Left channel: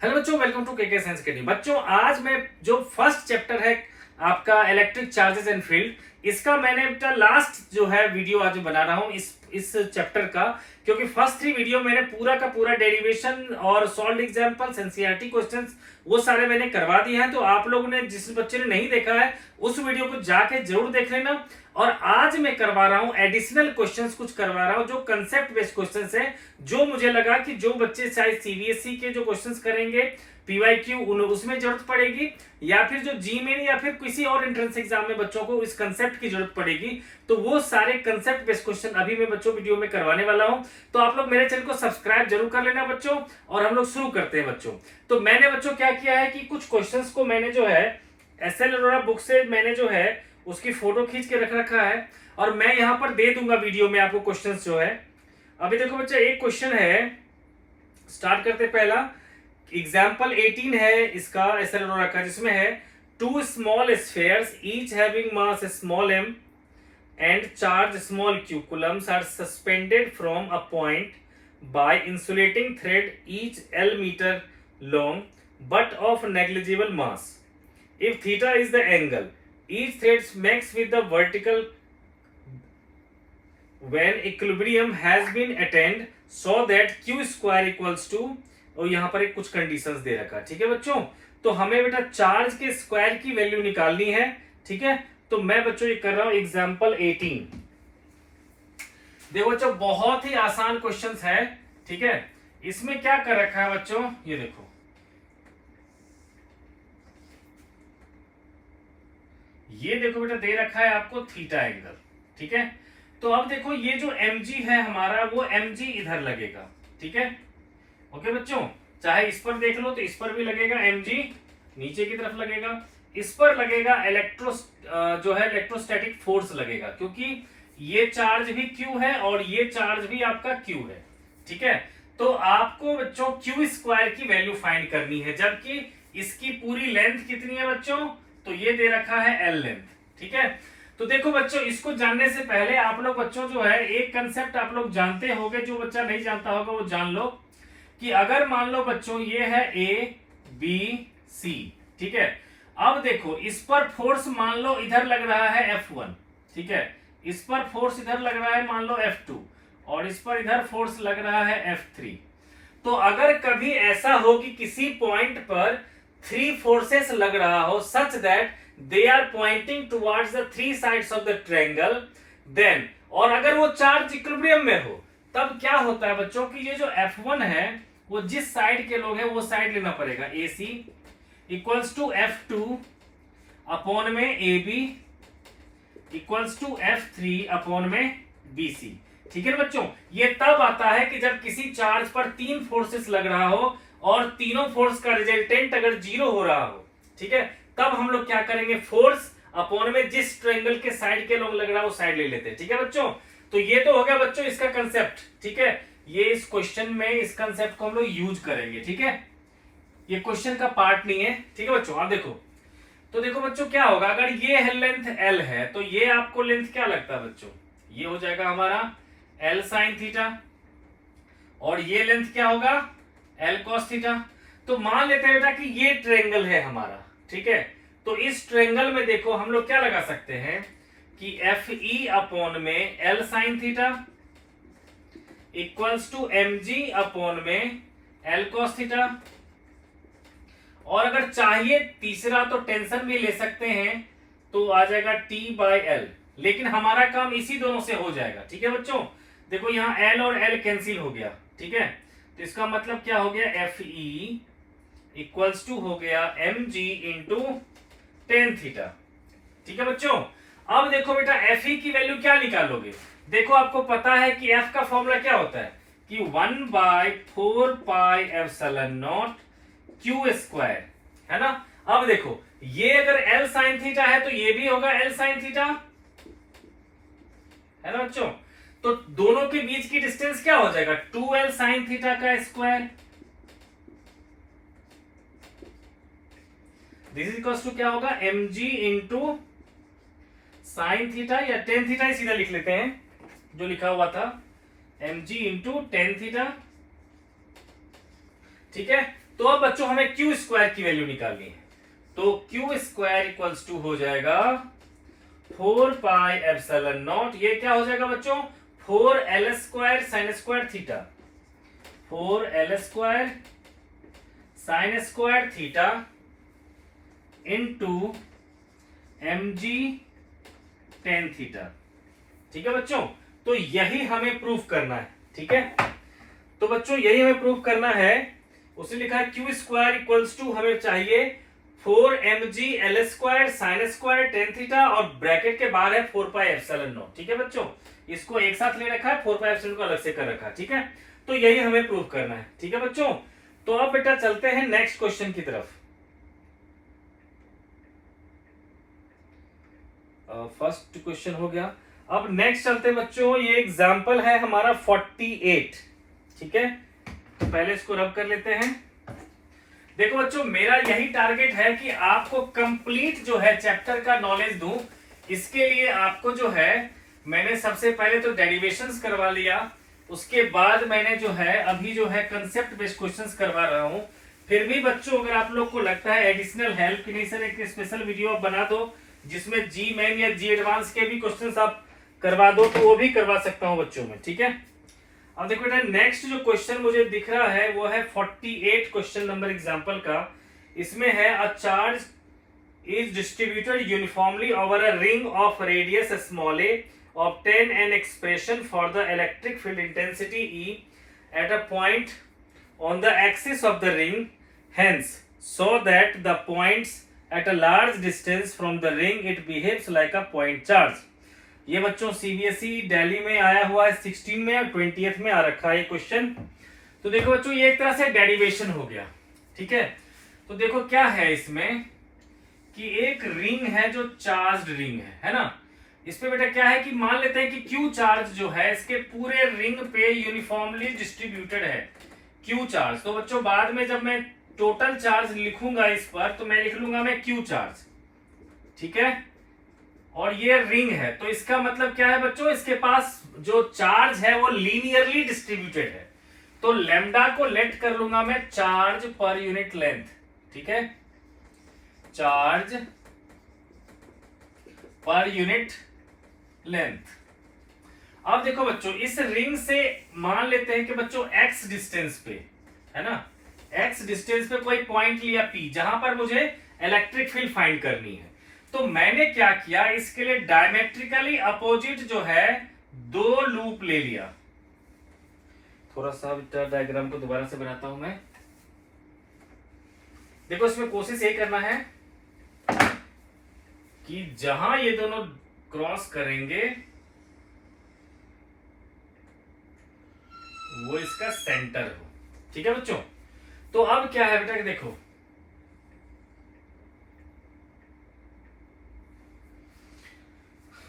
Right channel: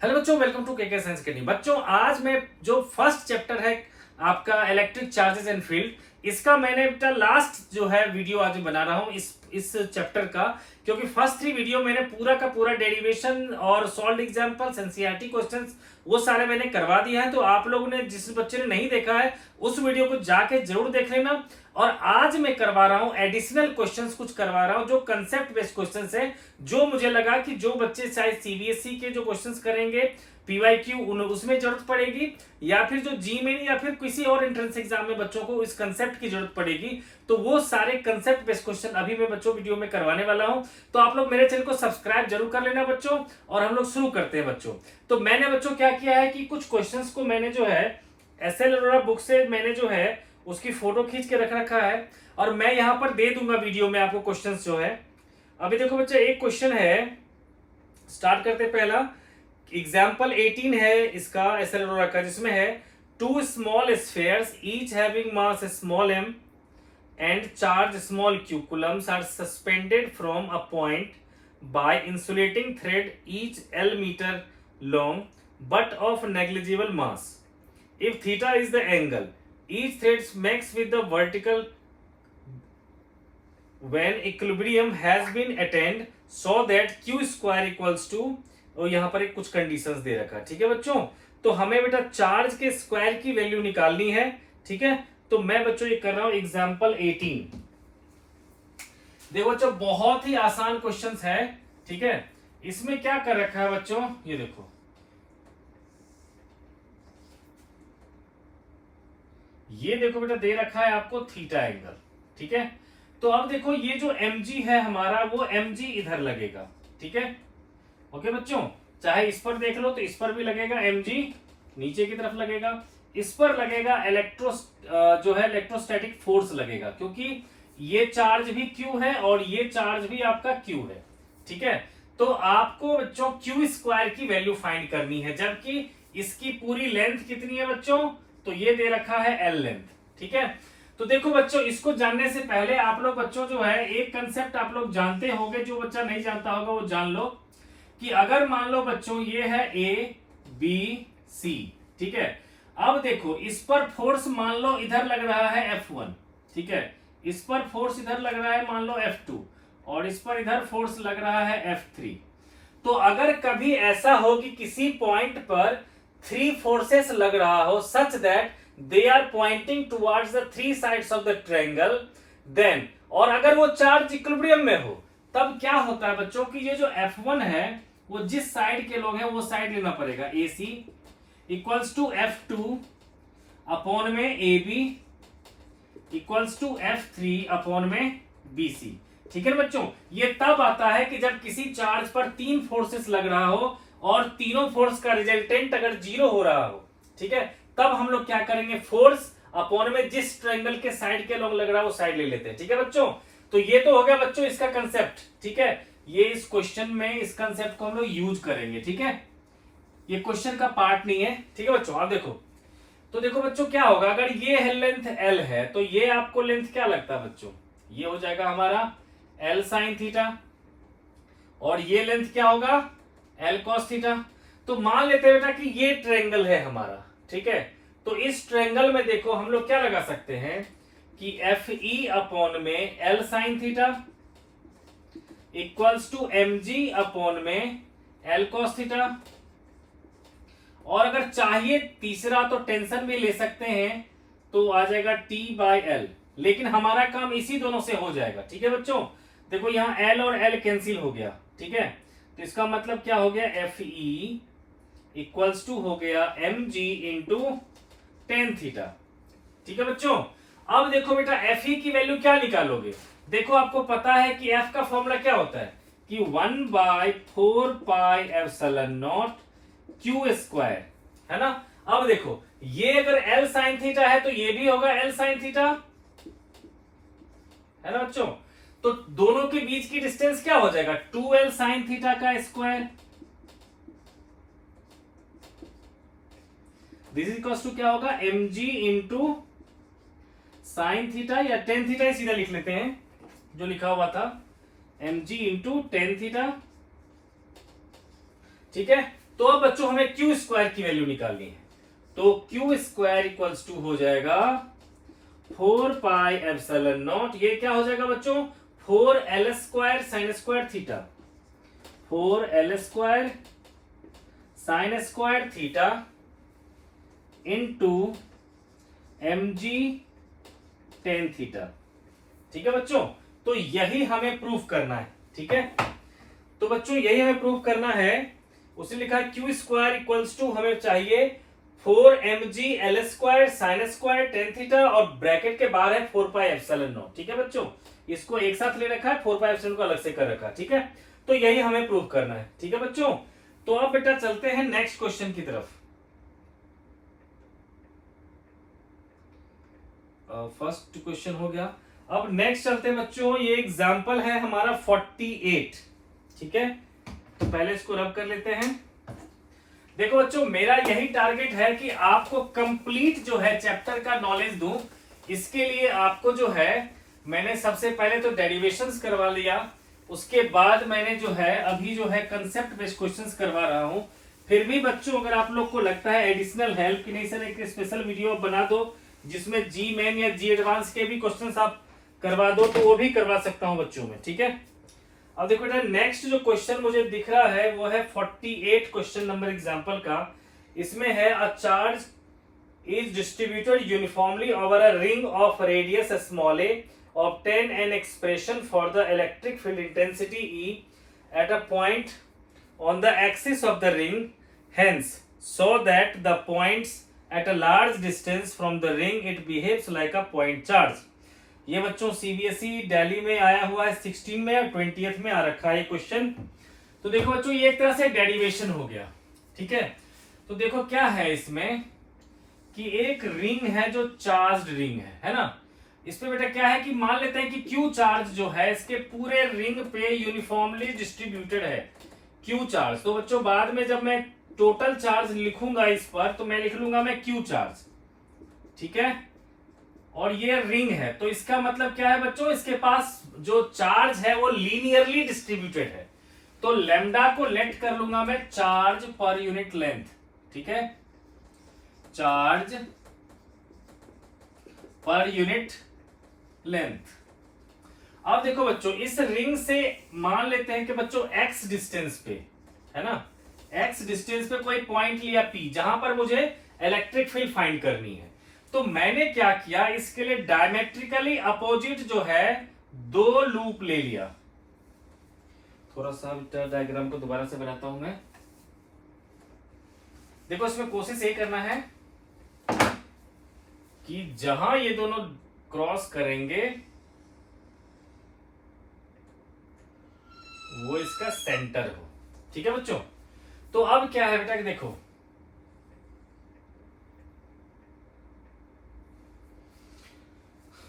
Hello बच्चों, welcome to KK science academy. बच्चों, आज मैं जो फर्स्ट चैप्टर है आपका इलेक्ट्रिक चार्जेस एंड फील्ड, इसका मैंने बेटा लास्ट जो है वीडियो आज बना रहा हूँ इस चैप्टर का। क्योंकि फर्स्ट 3 वीडियो मैंने पूरा का पूरा डेरिवेशन और सॉल्व एग्जांपल्स एनसीईआरटी क्वेश्चंस वो सारे मैंने करवा दिए हैं। तो आप लोगों ने, जिस बच्चे ने नहीं देखा है, उस वीडियो को जाके जरूर देख लेना। और आज मैं करवा रहा हूं एडिशनल क्वेश्चंस, कुछ करवा रहा हूं जो कंसेप्ट बेस्ड क्वेश्चंस है, जो मुझे लगा कि जो बच्चे चाहे सीबीएसई के जो क्वेश्चंस करेंगे पीवाईक्यू उसमें जरूरत पड़ेगी, या फिर जो जीमेन या फिर किसी और एंट्रेंस एग्जाम में बच्चों को इस कंसेप्ट की जरूरत पड़ेगी, तो वो सारे कंसेप्ट बेस्ड क्वेश्चन अभी मैं बच्चों वीडियो में करवाने वाला हूं। तो आप लोग मेरे चैनल को सब्सक्राइब जरूर कर लेना बच्चों, और हम लोग शुरू करते हैं बच्चों। तो मैंने बच्चों क्या किया है कि कुछ क्वेश्चंस को मैंने जो है एसएल अरोड़ा बुक से मैंने जो है उसकी फोटो खींच के रख रखा है, और मैं यहां पर दे दूंगा वीडियो में आपको क्वेश्चंस जो है। अभी देखो बच्चा, एक क्वेश्चन है, स्टार्ट करते पहला। एग्जाम्पल 18 है इसका एसएल अरोड़ा का, जिसमें है 2 small spheres each having mass small m and charge small q coulombs are suspended from a point by insulating thread each L meter long but of negligible mass. If theta is the angle, each thread makes with the vertical when equilibrium has been attained so that q square equals to, और यहां पर एक कुछ conditions दे रखा है। ठीक है बच्चों, तो हमें बेटा चार्ज के स्क्वायर की वैल्यू निकालनी है। ठीक है, तो मैं बच्चों ये कर रहा हूं एग्जांपल 18। देखो बच्चों, बहुत ही आसान क्वेश्चंस है। ठीक है, इसमें क्या कर रखा है बच्चों, ये देखो, ये देखो बेटा, दे रखा है आपको थीटा एंगल। ठीक है, तो अब देखो ये जो mg है हमारा, वो mg इधर लगेगा। ठीक है, ओके बच्चों, चाहे इस पर देख लो तो इस पर भी लगेगा mg, नीचे की तरफ लगेगा, इस पर लगेगा जो है इलेक्ट्रोस्टैटिक फोर्स लगेगा, क्योंकि ये चार्ज भी q है और ये चार्ज भी आपका q है। ठीक है, तो आपको बच्चों q स्क्वायर की वैल्यू फाइंड करनी है, जबकि इसकी पूरी लेंथ कितनी है बच्चों, तो ये दे रखा है l लेंथ। ठीक है, तो देखो बच्चों, इसको जानने से पहले आप लोग बच्चों जो है एक कंसेप्ट आप लोग जानते होंगे, जो बच्चा नहीं जानता होगा वो जान लो, कि अगर मान लो बच्चों ये है ए बी सी। ठीक है, अब देखो इस पर फोर्स मान लो इधर लग रहा है F1। ठीक है, इस पर फोर्स इधर लग रहा है मान लो F2, और इस पर इधर फोर्स लग रहा है F3। तो अगर कभी ऐसा हो कि किसी पॉइंट पर 3 फोर्सेस लग रहा हो such that they are pointing towards the 3 sides of the triangle, then, और अगर वो चार्ज इक्विलिब्रियम में हो, तब क्या होता है बच्चों कि ये जो F1 है वो जिस साइड के लोग हैं वो साइड लेना पड़ेगा, AC equals to F2 upon में AB equals to F3 upon में BC। ठीक है बच्चों, ये तब आता है कि जब किसी चार्ज पर 3 फोर्सेस लग रहा हो और तीनों फोर्स का रिजल्टेंट अगर 0 हो रहा हो। ठीक है, तब हम लोग क्या करेंगे, फोर्स अपॉन में जिस ट्रायंगल के साइड के लोग लग रहा है वो साइड ले लेते हैं। ठीक है बच्चों, तो ये तो हो गया बच्चों इसका कंसेप्ट। ठीक है, ये इस क्वेश्चन में इस कंसेप्ट को हम लोग यूज करेंगे। ठीक है, ये क्वेश्चन का पार्ट नहीं है। ठीक है बच्चों, आप देखो, तो देखो बच्चों क्या होगा, अगर ये लेंथ L है तो ये आपको लेंथ क्या लगता है बच्चों, ये हो जाएगा हमारा L साइन थीटा, और ये लेंथ क्या होगा L कॉस थीटा। तो मान लेते हैं बेटा कि ये ट्रायंगल है हमारा। ठीक है, तो इस ट्रायंगल में देखो हम लोग क्या लगा सकते हैं कि FE अपॉन में L sine theta equals to mg upon में L कॉस थीटा, और अगर चाहिए तीसरा तो टेंशन भी ले सकते हैं, तो आ जाएगा T/L, लेकिन हमारा काम इसी दोनों से हो जाएगा। ठीक है बच्चों, देखो यहाँ L और L कैंसिल हो गया। ठीक है, तो इसका मतलब क्या हो गया, FE इक्वल्स टू हो गया mg इंटू टेन थीटा। ठीक है बच्चों, अब देखो बेटा FE की वैल्यू क्या निकालोगे, देखो आपको पता है कि F का फॉर्मूला क्या होता है कि 1/4 pi epsilon naught Q square, है ना। अब देखो ये अगर L साइन थीटा है तो ये भी होगा L साइन थीटा, है ना बच्चों। तो दोनों के बीच की डिस्टेंस क्या हो जाएगा, 2L साइन थीटा का square. This is equals to क्या होगा, mg इंटू साइन थीटा, या टेन थीटा ही सीधा लिख लेते हैं जो लिखा हुआ था, mg इंटू टेन थीटा। ठीक है, तो अब बच्चों हमें क्यू स्क्वायर की वैल्यू निकालनी है, तो क्यू स्क्वायर इक्वल्स टू हो जाएगा 4 पाई एप्सिलॉन नॉट, ये क्या हो जाएगा बच्चों 4l square sine square theta, 4l square sine square theta into mg tan theta. ठीक है बच्चों, तो यही हमें प्रूफ करना है। ठीक है, तो बच्चों यही हमें प्रूफ करना है। उसने लिखा है क्यू स्क्वायर इक्वल्स टू हमें चाहिए 4mg l square sine square tan theta और ब्रैकेट के बाहर है 4 पाई एप्सिलॉन नॉट। ठीक है बच्चों, इसको एक साथ ले रखा है, 4 पाई एप्सिलॉन को अलग से कर रखा है। ठीक है, तो यही हमें प्रूफ करना है। ठीक है बच्चों, तो अब बेटा चलते हैं नेक्स्ट क्वेश्चन की तरफ। फर्स्ट क्वेश्चन हो गया, अब नेक्स्ट चलते हैं बच्चों। ये एग्जाम्पल है हमारा 48। ठीक है, तो पहले इसको रब कर लेते हैं। देखो बच्चों, मेरा यही टारगेट है कि आपको कंप्लीट जो है चैप्टर का नॉलेज दूं। इसके लिए आपको जो है मैंने सबसे पहले तो डेरिवेशंस करवा लिया, उसके बाद मैंने जो है अभी जो है कंसेप्ट बेस्ड क्वेश्चंस करवा रहा हूं। फिर भी बच्चों अगर आप लोग को लगता है एडिशनल हेल्प की नहीं सर एक स्पेशल वीडियो आप बना दो जिसमें जी मेन या जी एडवांस के भी क्वेश्चंस आप करवा दो, तो वो भी करवा सकता हूं बच्चों में। ठीक है, अब देखो बेटा नेक्स्ट जो क्वेश्चन मुझे दिख रहा है वो है 48 क्वेश्चन नंबर एग्जांपल का। इसमें है a charge is distributed uniformly over a ring of radius small A, obtain an expression for the electric field intensity E at a point on the axis of the ring, hence so that the points at a large distance from the ring it behaves like a point charge। ये बच्चों CBSE Delhi में आया हुआ है 16 में और 20th में आ रखा है ये क्वेश्चन। तो देखो बच्चों ये एक तरह से डेरिवेशन हो गया। ठीक है, तो देखो क्या है इसमें कि एक रिंग है जो चार्ज्ड रिंग है ना। इस पे बेटा क्या है कि मान लेते हैं कि क्यू चार्ज जो है इसके पूरे रिंग पे यूनिफॉर्मली डिस्ट्रीब्यूटेड है क्यू चार्ज। तो बच्चों बाद में जब मैं टोटल चार्ज लिखूंगा इस पर तो मैं लिख लूंगा मैं क्यू चार्ज। ठीक है, और ये रिंग है तो इसका मतलब क्या है बच्चों, इसके पास जो चार्ज है वो लीनियरली डिस्ट्रीब्यूटेड है। तो लैम्डा को लेट कर लूंगा मैं चार्ज पर यूनिट लेंथ। ठीक है, चार्ज पर यूनिट लेंथ। अब देखो बच्चों इस रिंग से मान लेते हैं कि बच्चों x डिस्टेंस पे है ना, x डिस्टेंस पे कोई पॉइंट लिया P जहां पर मुझे इलेक्ट्रिक फील्ड फाइंड करनी है। तो मैंने क्या किया, इसके लिए डायमेट्रिकली अपोजिट जो है दो लूप ले लिया। थोड़ा सा डायग्राम को दोबारा से बनाता हूं मैं। देखो इसमें कोशिश ये करना है कि जहां ये दोनों क्रॉस करेंगे वो इसका सेंटर हो। ठीक है बच्चों, तो अब क्या है बेटा देखो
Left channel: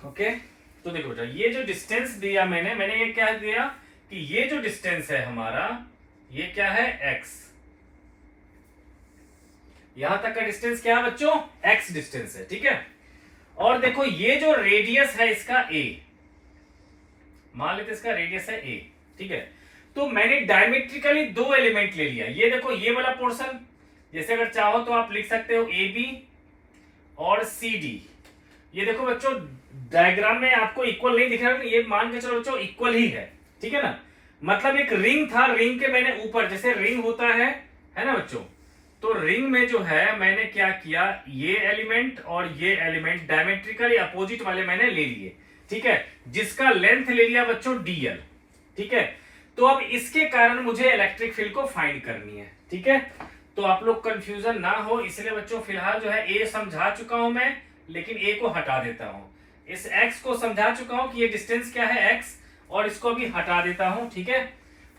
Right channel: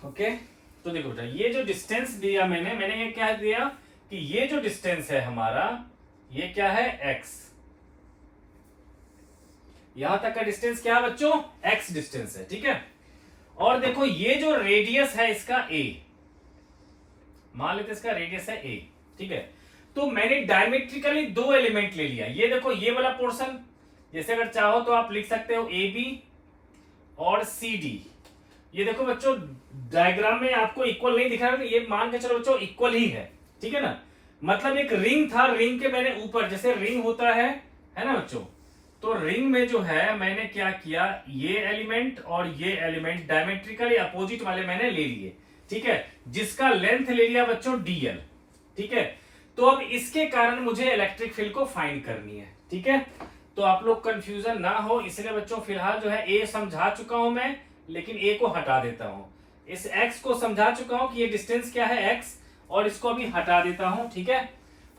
ओके, तो देखो बेटा ये जो डिस्टेंस दिया मैंने ये क्या दिया कि ये जो डिस्टेंस है हमारा ये क्या है x। यहां तक का डिस्टेंस क्या है बच्चों, x डिस्टेंस है। ठीक है, और देखो ये जो रेडियस है इसका a, मान लेते इसका रेडियस है a। ठीक है, तो मैंने डायमेट्रिकली दो एलिमेंट ले लिया। ये देखो ये वाला पोर्शन, जैसे अगर चाहो तो आप लिख सकते हो ए बी और सी डी। ये देखो बच्चों डायग्राम में आपको इक्वल नहीं दिख रहा, ये मान के चलो बच्चों इक्वल ही है। ठीक है ना, मतलब एक रिंग था, रिंग के मैंने ऊपर जैसे रिंग होता है ना बच्चों, तो रिंग में जो है मैंने क्या किया, ये एलिमेंट और ये एलिमेंट डायमेट्रिकली अपोजिट वाले मैंने ले लिए। ठीक है, जिसका लेंथ ले लिया बच्चों dl। ठीक है, तो अब इसके कारण मुझे इलेक्ट्रिक फील्ड को फाइंड करनी है। ठीक है, तो आप लोग कंफ्यूजन ना हो इसलिए बच्चों फिलहाल जो है ए समझा चुका हूं मैं, लेकिन ए को हटा देता हूं। इस एक्स को समझा चुका हूं कि ये डिस्टेंस क्या है एक्स, और इसको अभी हटा देता हूं। ठीक है,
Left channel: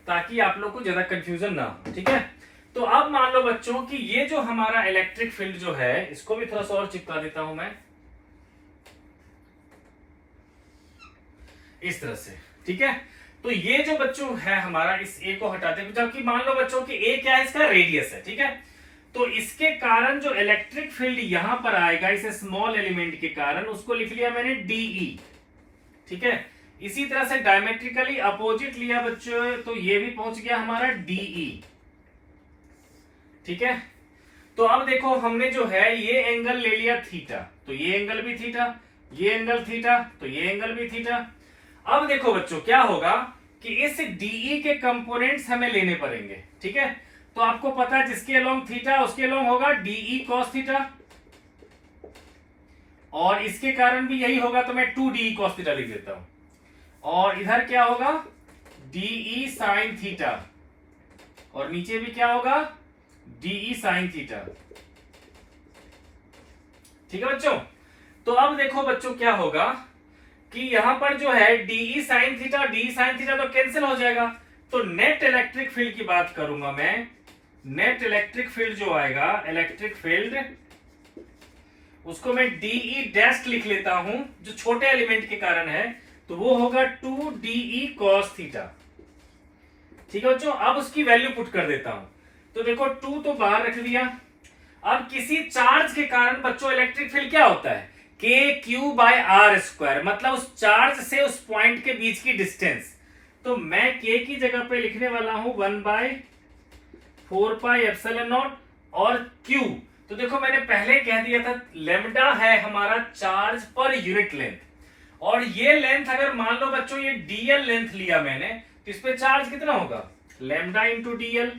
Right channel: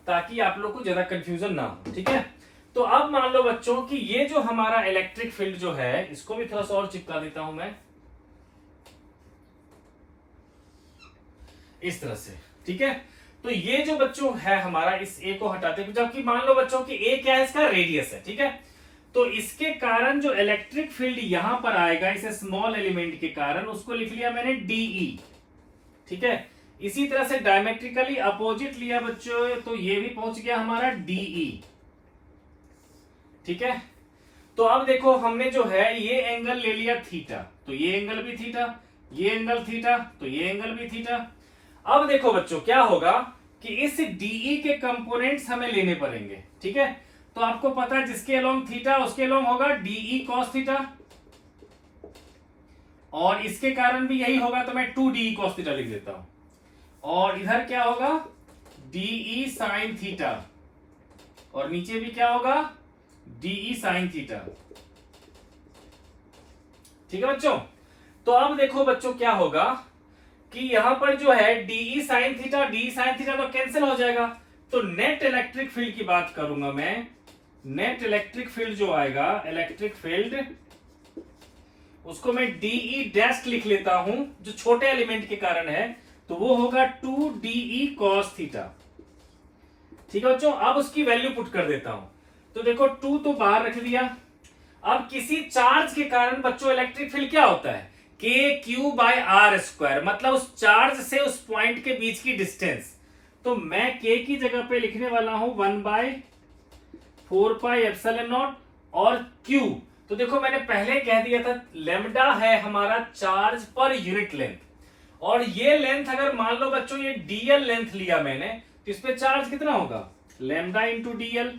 ताकि आप लोग को ज्यादा कंफ्यूजन ना हो। ठीक है, तो अब मान लो बच्चों कि ये जो हमारा इलेक्ट्रिक फील्ड जो है इसको भी थोड़ा सा और चिपका देता हूं मैं इस तरह से। ठीक है, तो ये जो बच्चों है हमारा इस ए को हटाते हैं, जबकि मान लो बच्चों कि ए क्या है, इसका रेडियस है। ठीक है, तो इसके कारण जो इलेक्ट्रिक फील्ड यहां पर आएगा इस स्मॉल एलिमेंट के कारण, उसको लिख लिया मैंने डीई। ठीक है, इसी तरह से डायमेट्रिकली अपोजिट लिया बच्चों तो ये भी पहुंच गया हमारा डीई। ठीक है। तो अब देखो हमने जो है ये एंगल ले लिया थीटा, तो ये एंगल भी थीटा, ये एंगल थीटा, तो ये एंगल भी थीटा। अब देखो बच्चों क्या होगा कि इस डीई के कंपोनेंट्स हमें लेने पड़ेंगे, ठीक है। तो आपको पता है जिसके अलोंग थीटा उसके अलोंग होगा डीई कॉस थीटा, और इसके कारण भी यही होगा, तो मैं 2 DE cos थीटा लिख देता हूं। और इधर क्या होगा DE sin थीटा, और नीचे भी क्या होगा DE sin थीटा, ठीक है बच्चों। तो अब देखो बच्चों क्या होगा कि यहां पर जो है DE sin theta DE sin theta तो कैंसिल हो जाएगा। तो नेट इलेक्ट्रिक फील्ड की बात करूंगा मैं, नेट इलेक्ट्रिक फील्ड जो आएगा, इलेक्ट्रिक फील्ड, उसको मैं DE डैश लिख लेता हूं जो छोटे एलिमेंट के कारण है, तो वो होगा 2DE cos थीटा, ठीक है बच्चों। अब उसकी वैल्यू पुट कर देता हूं, तो देखो 2 तो बाहर रख लिया। अब किसी चार्ज के कारण बच्चों इलेक्ट्रिक फील्ड क्या होता है KQ/R², मतलब उस चार्ज से उस पॉइंट के बीच की डिस्टेंस। तो मैं K की जगह पे लिखने वाला हूं 1/4πε0 और Q, तो देखो मैंने पहले कह दिया था लेमडा है हमारा चार्ज पर यूनिट लेंथ, और ये लेंथ अगर मान लो बच्चों ये डीएल लेंथ लिया मैंने, तो इस पे चार्ज कितना होगा लेमडा इंटू डीएल,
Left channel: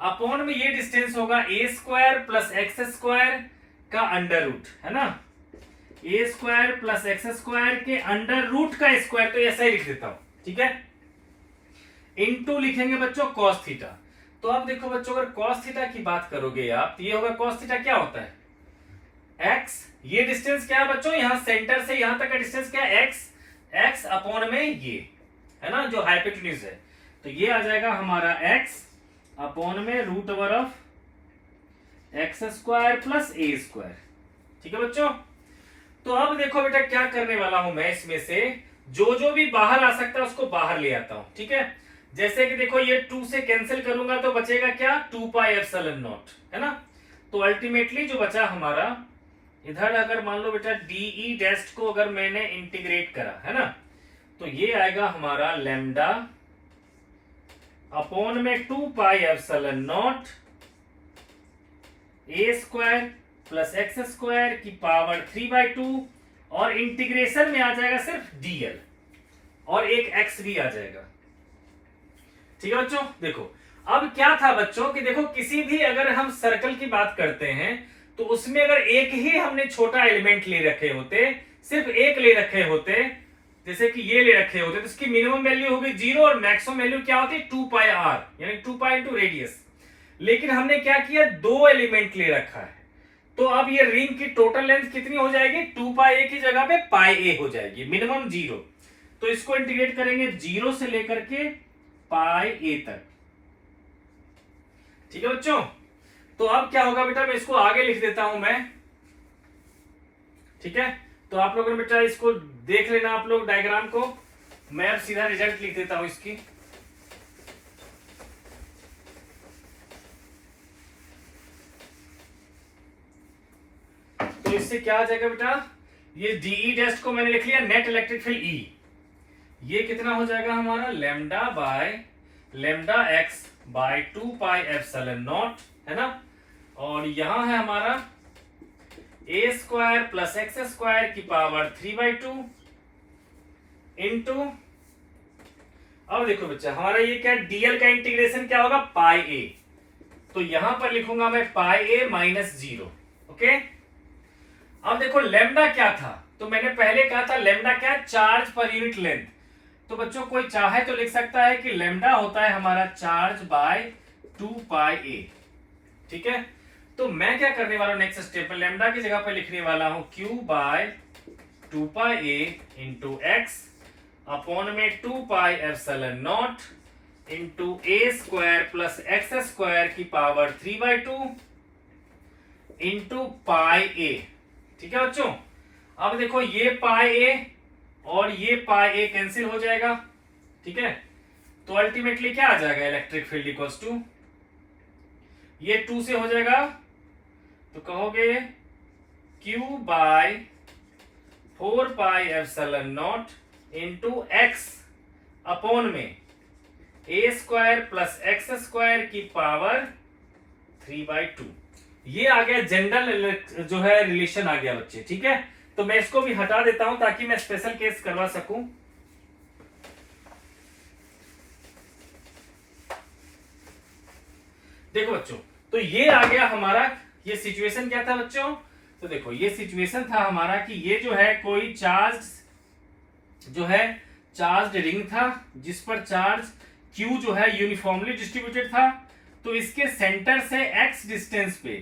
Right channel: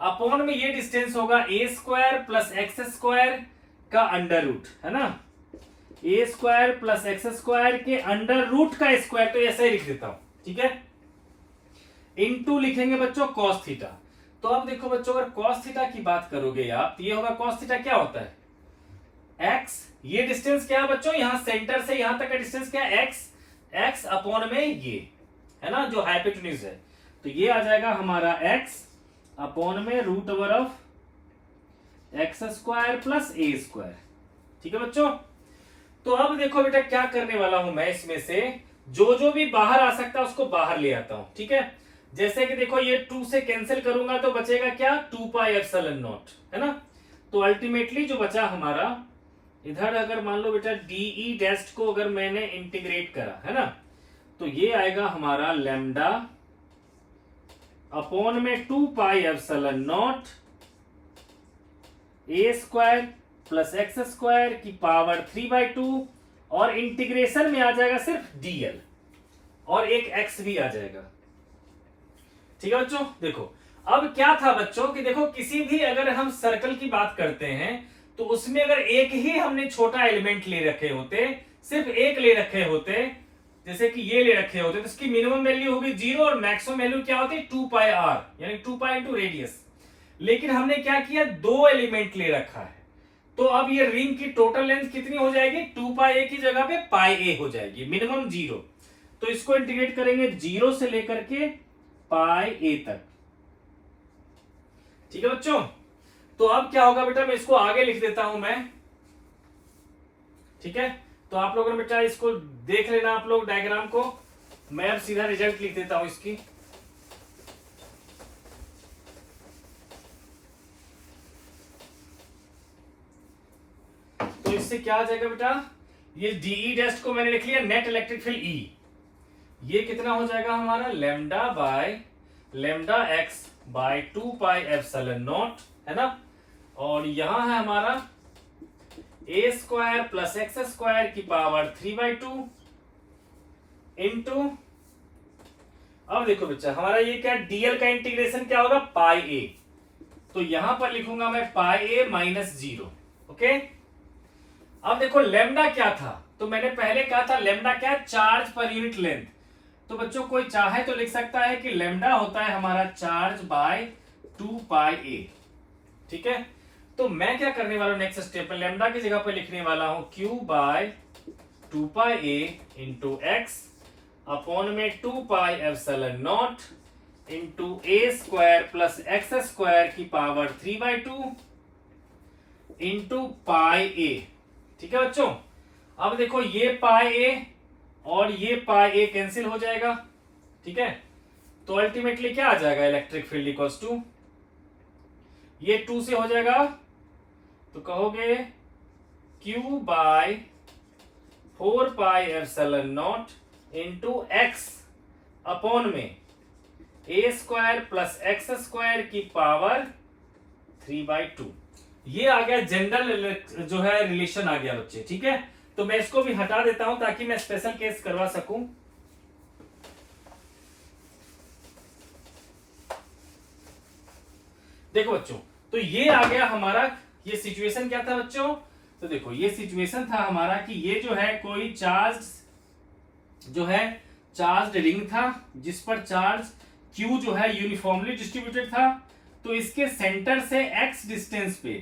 अपॉन में ये डिस्टेंस होगा a² प्लस x² का अंडर रूट, है ना, a² प्लस x² के अंडर रूट का स्क्वायर, तो ऐसा ही लिख देता हूं, ठीक है। इनटू लिखेंगे बच्चों cos थीटा। तो अब देखो बच्चों अगर cos थीटा की बात करोगे आप, तो ये होगा cos थीटा क्या होता है x, ये डिस्टेंस क्या है बच्चों, यहां सेंटर से यहां तक का डिस्टेंस क्या है x अपॉन में ये, है ना, जो हाइपोटेन्यूज है, तो ये आ जाएगा हमारा x अपॉन में √over of x² plus a², ठीक है बच्चों। तो अब देखो बेटा क्या करने वाला हूं मैं, इसमें से जो भी बाहर आ सकता है उसको बाहर ले आता हूं, ठीक है। जैसे कि देखो ये 2 से कैंसिल करूंगा तो बचेगा क्या 2πε0, है ना। तो अल्टीमेटली जो बचा हमारा इधर, अगर मान लो बेटा डीई डैश को अगर मैंने इंटीग्रेट करा, है ना, तो ये आएगा हमारा लेमडा अपॉन में 2πε0 a² प्लस x² की पावर 3/2, और इंटीग्रेशन में आ जाएगा सिर्फ dl, और एक x भी आ जाएगा, ठीक है बच्चों। देखो अब क्या था बच्चों कि देखो किसी भी अगर हम सर्कल की बात करते हैं, तो उसमें अगर एक ही हमने छोटा एलिमेंट ले रखे होते, सिर्फ एक ले रखे होते, जैसे कि ये ले रखे होते, तो इसकी मिनिमम वैल्यू होगी 0 और मैक्सिमम वैल्यू क्या होती 2πr, यानी 2π इंटू रेडियस। लेकिन हमने क्या किया 2 एलिमेंट ले रखा है, तो अब ये रिंग की टोटल लेंथ कितनी हो जाएगी 2πa की जगह पे πa हो जाएगी, मिनिमम 0। तो इसको इंटीग्रेट करेंगे 0 से लेकर के πa तक, ठीक है बच्चों। तो अब क्या होगा बेटा, मैं इसको आगे लिख देता हूं मैं, ठीक है। तो आप लोगों ने बेटा इसको देख लेना आप लोग डायग्राम को, मैं अब सीधा रिजल्ट लिख देता हूं इसकी। तो इससे क्या आ जाएगा बेटा, ये डीई डैश को मैंने लिख लिया नेट इलेक्ट्रिक फील्ड ई, ये कितना हो जाएगा हमारा लेमडा x बाय 2πε0, है ना, और यहां है हमारा a² प्लस x² की पावर 3/2 इंटू, अब देखो बच्चा हमारा ये क्या dl का इंटीग्रेशन क्या होगा πa, तो यहां पर लिखूंगा मैं πa माइनस 0, ओके। अब देखो लेमडा क्या था, तो मैंने पहले कहा था लेमडा क्या चार्ज पर यूनिट लेंथ, तो बच्चों कोई चाहे तो लिख सकता है कि लेमडा होता है हमारा चार्ज बाय 2πa, ठीक है। तो मैं क्या करने वाला हूं नेक्स्ट स्टेप में, लेमडा की जगह पे लिखने वाला हूं q/2πa इंटू x अपॉन में 2πε0 इंटू a² प्लस x² की पावर 3/2 इंटू πa, ठीक है बच्चों। अब देखो ये πa और ये πa कैंसिल हो जाएगा, ठीक है। तो अल्टीमेटली क्या आ जाएगा इलेक्ट्रिक फील्ड इक्वल्स टू, ये 2 से हो जाएगा, तो कहोगे q/4πε0 इंटू x अपॉन में a² प्लस x² की पावर 3/2। ये आ गया जनरल जो है रिलेशन आ गया बच्चे, ठीक है। तो मैं इसको भी हटा देता हूं ताकि मैं स्पेशल केस करवा सकूं। देखो बच्चों, तो ये आ गया हमारा, ये सिचुएशन क्या था बच्चों, तो देखो ये सिचुएशन था हमारा कि ये जो है कोई चार्ज जो है चार्ज रिंग था जिस पर चार्ज Q जो है यूनिफॉर्मली डिस्ट्रीब्यूटेड था। तो इसके सेंटर से x डिस्टेंस पे,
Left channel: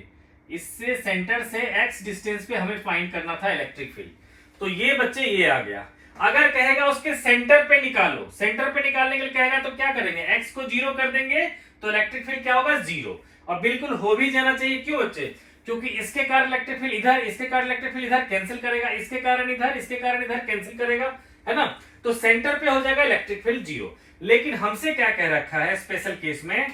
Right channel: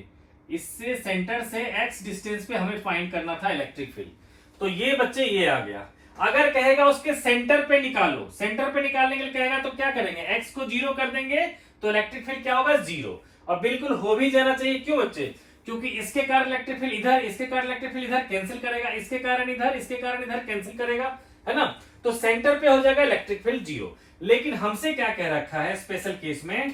इससे सेंटर से x डिस्टेंस पे हमें फाइंड करना था इलेक्ट्रिक फील्ड। तो ये बच्चे ये आ गया। अगर कहेगा उसके सेंटर पे निकालो, सेंटर पे निकालने के लिए कहेगा तो क्या करेंगे, x को 0 कर देंगे तो इलेक्ट्रिक फील्ड क्या होगा, 0। और बिल्कुल हो भी जाना चाहिए, क्यों बच्चे, क्योंकि इसके कारण इलेक्ट्रिक फील्ड इधर, इसके कारण इलेक्ट्रिक फील्ड इधर कैंसिल करेगा, इसके कारण इधर, इसके कारण इधर कैंसिल करेगा, है ना। तो सेंटर पे हो जाएगा इलेक्ट्रिक फील्ड 0। लेकिन हमसे क्या कह रखा है स्पेशल केस में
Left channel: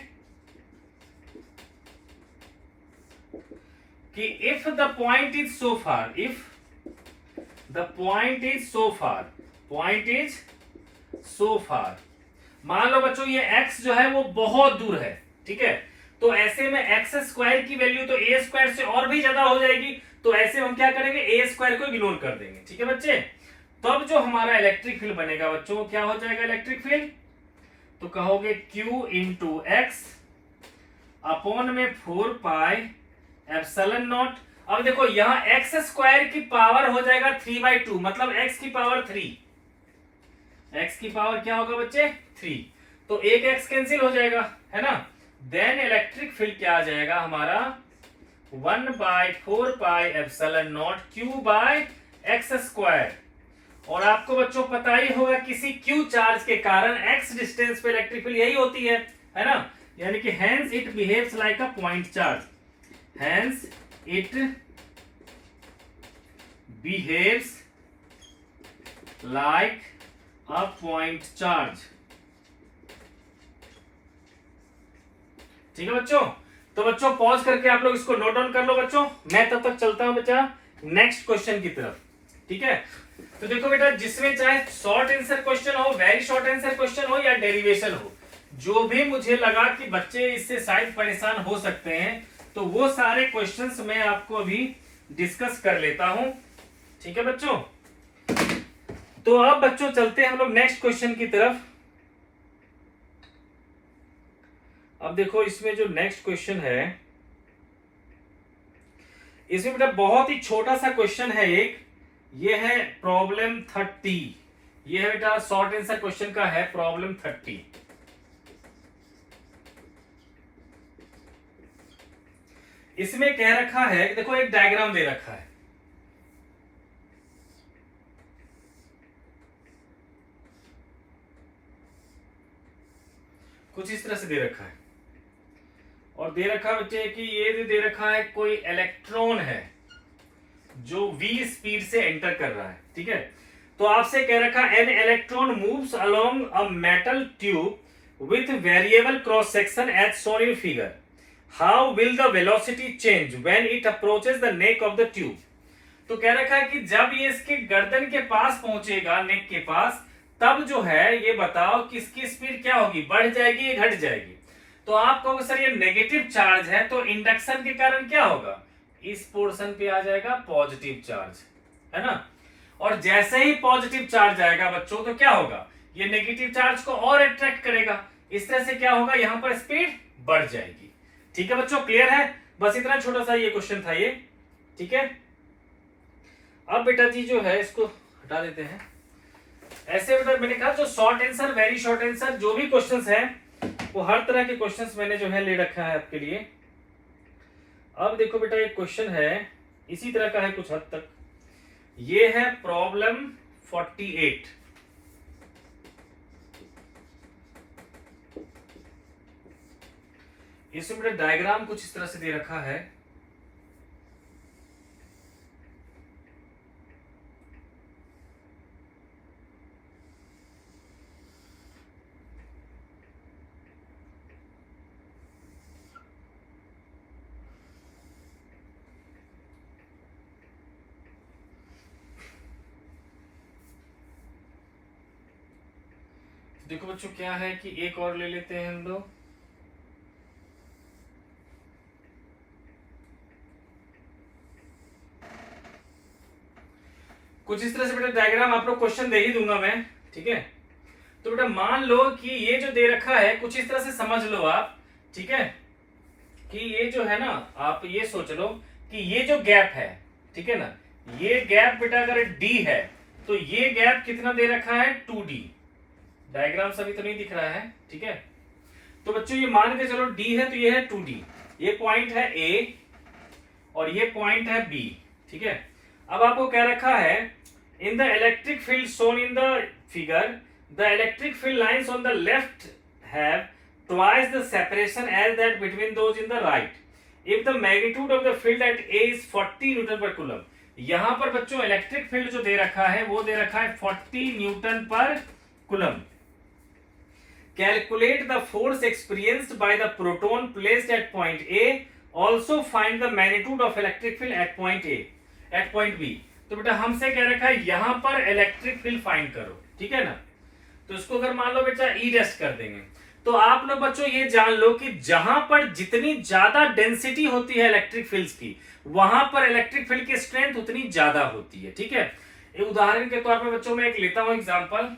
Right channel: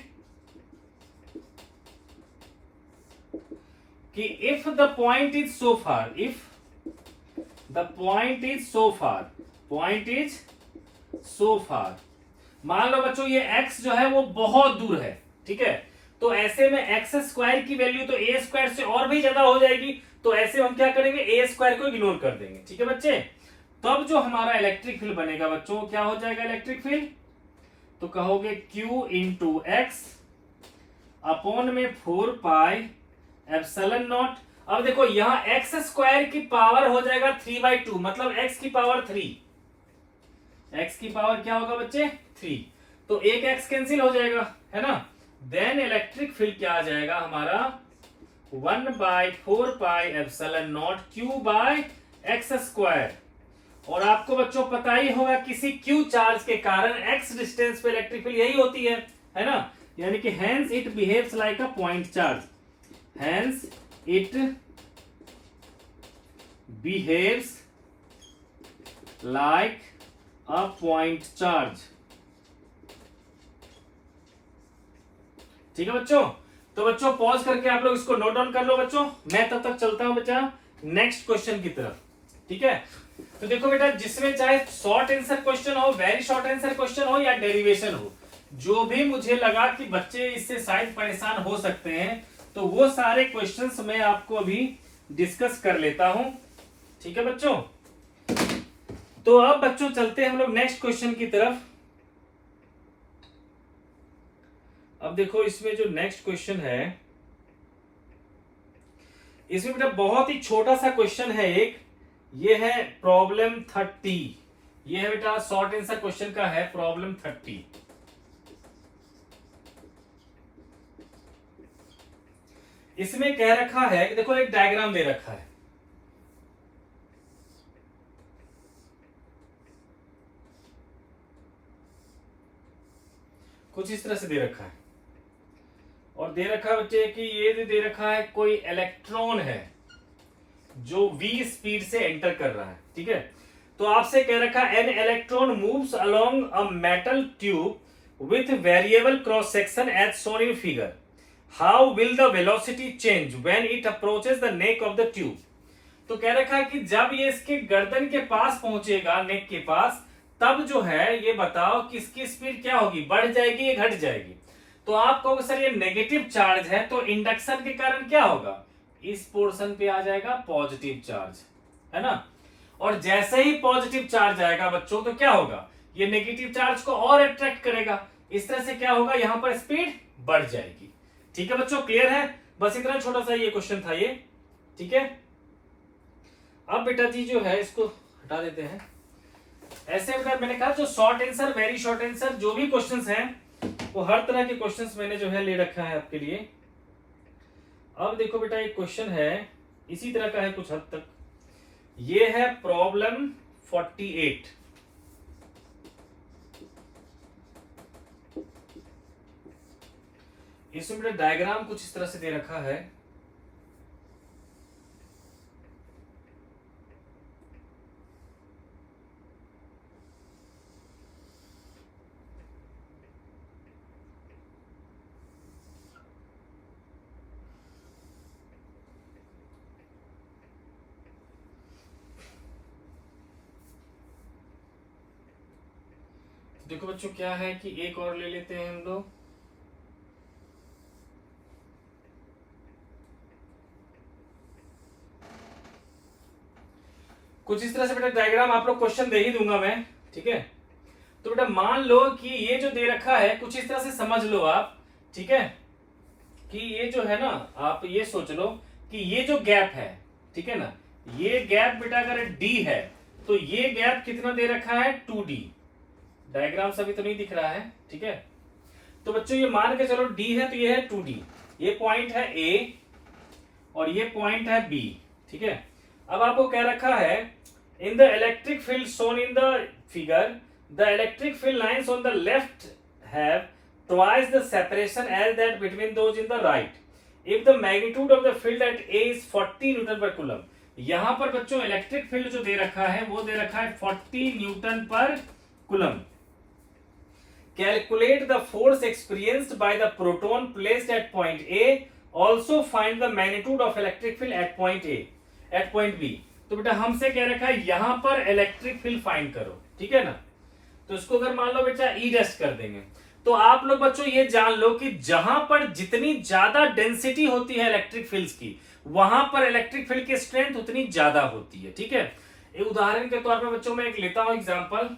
कि if the point is so far, if the point is so far, point is so far, मान लो बच्चों ये x जो है वो बहुत दूर है, ठीक है। तो ऐसे में एक्स स्क्वायर की वैल्यू तो ए स्क्वायर से और भी ज्यादा हो जाएगी। तो ऐसे हम क्या करेंगे, ए स्क्वायर को इग्नोर कर देंगे, ठीक है बच्चे। तब जो हमारा इलेक्ट्रिक फील्ड बनेगा बच्चों, क्या हो जाएगा इलेक्ट्रिक फील्ड, तो कहोगे Q इंटू एक्स अपॉन में 4 पाई एप्सिलॉन नॉट। अब देखो यहां एक्स स्क्वायर की पावर हो जाएगा 3/2, मतलब x की पावर 3, x की पावर क्या होगा बच्चे, 3। तो एक x कैंसिल हो जाएगा, है ना। देन इलेक्ट्रिक फील्ड क्या आ जाएगा हमारा, 1/4 pi epsilon naught Q by X square. और आपको बच्चों पता ही होगा किसी Q चार्ज के कारण x डिस्टेंस पे इलेक्ट्रिक फील्ड यही होती है ना। यानी कि hence it behaves like a point charge, hence it behaves like a point charge, ठीक है बच्चों। तो बच्चों पॉज करके आप लोग इसको नोट डाउन कर लो बच्चों, मैं तब तक चलता हूं बच्चा नेक्स्ट क्वेश्चन की तरफ, ठीक है। तो देखो बेटा, जिसमें चाहे शॉर्ट आंसर क्वेश्चन हो, वेरी शॉर्ट आंसर क्वेश्चन हो या डेरिवेशन हो, जो भी मुझे लगा कि बच्चे इससे शायद परेशान हो सकते हैं, तो वो सारे क्वेश्चंस मैं आपको अभी डिस्कस कर लेता हूं, ठीक है बच्चों। तो अब बच्चों चलते हैं हम लोग नेक्स्ट क्वेश्चन की तरफ। अब देखो इसमें जो नेक्स्ट क्वेश्चन है, इसमें बेटा बहुत ही छोटा सा क्वेश्चन है एक, ये है प्रॉब्लम 30। ये है बेटा शॉर्ट आंसर क्वेश्चन का है प्रॉब्लम 30। इसमें कह रखा है कि देखो एक डायग्राम दे रखा है, कुछ इस तरह से दे रखा है, और दे रखा बच्चे कि ये दे रखा है कोई इलेक्ट्रॉन है जो v स्पीड से एंटर कर रहा है, ठीक है। तो आपसे कह रखा an electron moves along a metal tube with variable cross section as shown in figure, how will the velocity change when it approaches the neck of the tube. तो कह रखा है कि जब ये इसके गर्दन के पास पहुंचेगा, नेक के पास, तब जो है ये बताओ कि इसकी स्पीड क्या होगी, बढ़ जाएगी या घट जाएगी। तो आप कहोगे सर ये नेगेटिव चार्ज है, तो इंडक्शन के कारण क्या होगा, इस पोर्शन पे आ जाएगा पॉजिटिव चार्ज, है ना। और जैसे ही पॉजिटिव चार्ज आएगा बच्चों, तो क्या होगा, ये नेगेटिव चार्ज को और अट्रैक्ट करेगा, इस तरह से क्या होगा, यहां पर स्पीड बढ़ जाएगी, ठीक है बच्चों। क्लियर है, बस इतना छोटा सा ये क्वेश्चन था ये, ठीक है। अब बेटा जी जो है इसको हटा देते हैं। ऐसे बेटा मैंने कहा जो short answer, very short answer, जो भी क्वेश्चंस हैं वो हर तरह के क्वेश्चंस मैंने जो है ले रखा है आपके लिए। अब देखो बेटा एक क्वेश्चन है इसी तरह का है कुछ हद तक, ये है प्रॉब्लम 48। इसमें बेटा डायग्राम कुछ इस तरह से दे रखा है, देखो बच्चों क्या है कि एक और ले लेते हैं हम लोग। कुछ इस तरह से बेटा डायग्राम आप लोग क्वेश्चन दे ही दूंगा मैं, ठीक है। तो बेटा मान लो कि ये जो दे रखा है कुछ इस तरह से समझ लो आप, ठीक है, कि ये जो है ना, आप ये सोच लो कि ये जो गैप है, ठीक है ना, ये गैप बेटा अगर d है तो ये गैप कितना दे रखा है 2d। डायग्राम सभी तो नहीं दिख रहा है, ठीक है। तो बच्चों ये मान के चलो d है तो ये है 2d, ये पॉइंट है a और ये पॉइंट है b, ठीक है। अब आपको कह रखा है in the electric field shown in the figure the electric field lines on the left have twice the separation as that between those in the right if the magnitude of the field at A is 40 newton per coulomb. यहां पर बच्चों electric field जो दे रखा है वो दे रखा है 40 newton per coulomb. Calculate the force experienced by the proton placed at point A, also find the magnitude of electric field at point A at point B। तो बेटा हमसे कह रखा है यहां पर इलेक्ट्रिक फील्ड फाइंड करो, ठीक है ना। तो इसको अगर मान लो बेटा ई डैश कर देंगे तो आप लोग बच्चों ये जान लो कि जहां पर जितनी ज्यादा डेंसिटी होती है इलेक्ट्रिक फील्ड्स की वहां पर इलेक्ट्रिक फील्ड की स्ट्रेंथ उतनी ज्यादा होती है, ठीक है। एक उदाहरण के तौर पर बच्चों मैं एक लेता हूं एग्जांपल।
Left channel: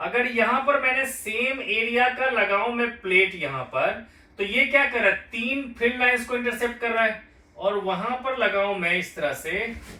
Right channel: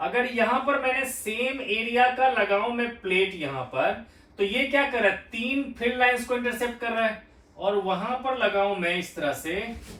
अगर यहां पर मैंने सेम एरिया का लगाऊं मैं प्लेट यहां पर, तो ये क्या कर रहा है 3 फील्ड लाइंस को इंटरसेप्ट कर रहा है, और वहां पर लगाऊं मैं इस तरह से,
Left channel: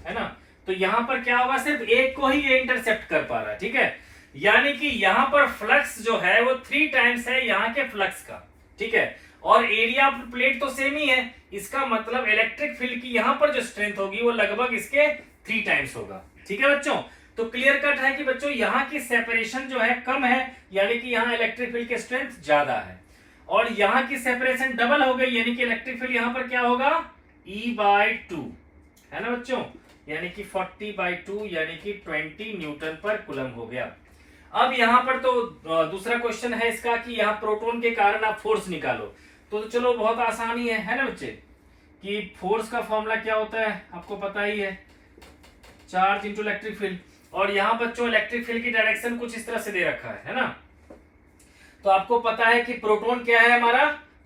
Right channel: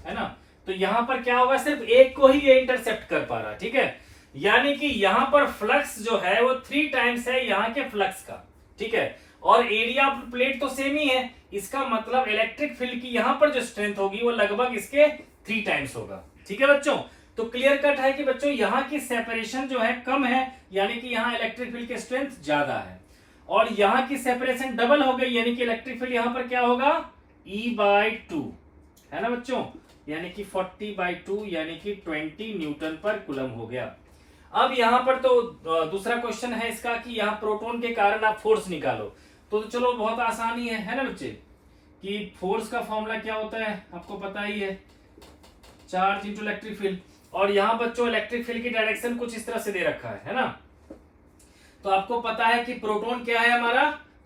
है ना, तो यहां पर क्या होगा सिर्फ एक को ही ये इंटरसेप्ट कर पा रहा है, ठीक है। यानी कि यहां पर फ्लक्स जो है वो 3 टाइम्स है यहां के फ्लक्स का, ठीक है। और एरिया ऑफ प्लेट तो सेम ही है, इसका मतलब इलेक्ट्रिक फील्ड की यहां पर जो स्ट्रेंथ होगी वो लगभग इसके 3 टाइम्स होगा, ठीक है बच्चों। तो क्लियर कट है कि बच्चों यहां की सेपरेशन जो है कम है, यानी कि यहां इलेक्ट्रिक फील्ड की स्ट्रेंथ ज्यादा है, और यहां की सेपरेशन डबल हो गई, यानी कि इलेक्ट्रिक फील्ड यहां पर क्या होगा E/2, है ना बच्चों, यानी कि 40/2 यानी कि 20 न्यूटन पर कूलम हो गया। अब यहां पर तो दूसरा क्वेश्चन है इसका कि यहां प्रोटॉन के कारण आप फोर्स निकालो, तो चलो बहुत आसान ही है ना बच्चे, कि फोर्स का फॉर्मूला क्या होता है आपको पता ही है, चार्ज इनटू इलेक्ट्रिक फील्ड। और यहां बच्चों इलेक्ट्रिक फील्ड की डायरेक्शन कुछ इस तरह से दे रखा है ना। तो आपको पता है कि प्रोटॉन क्या है हमारा,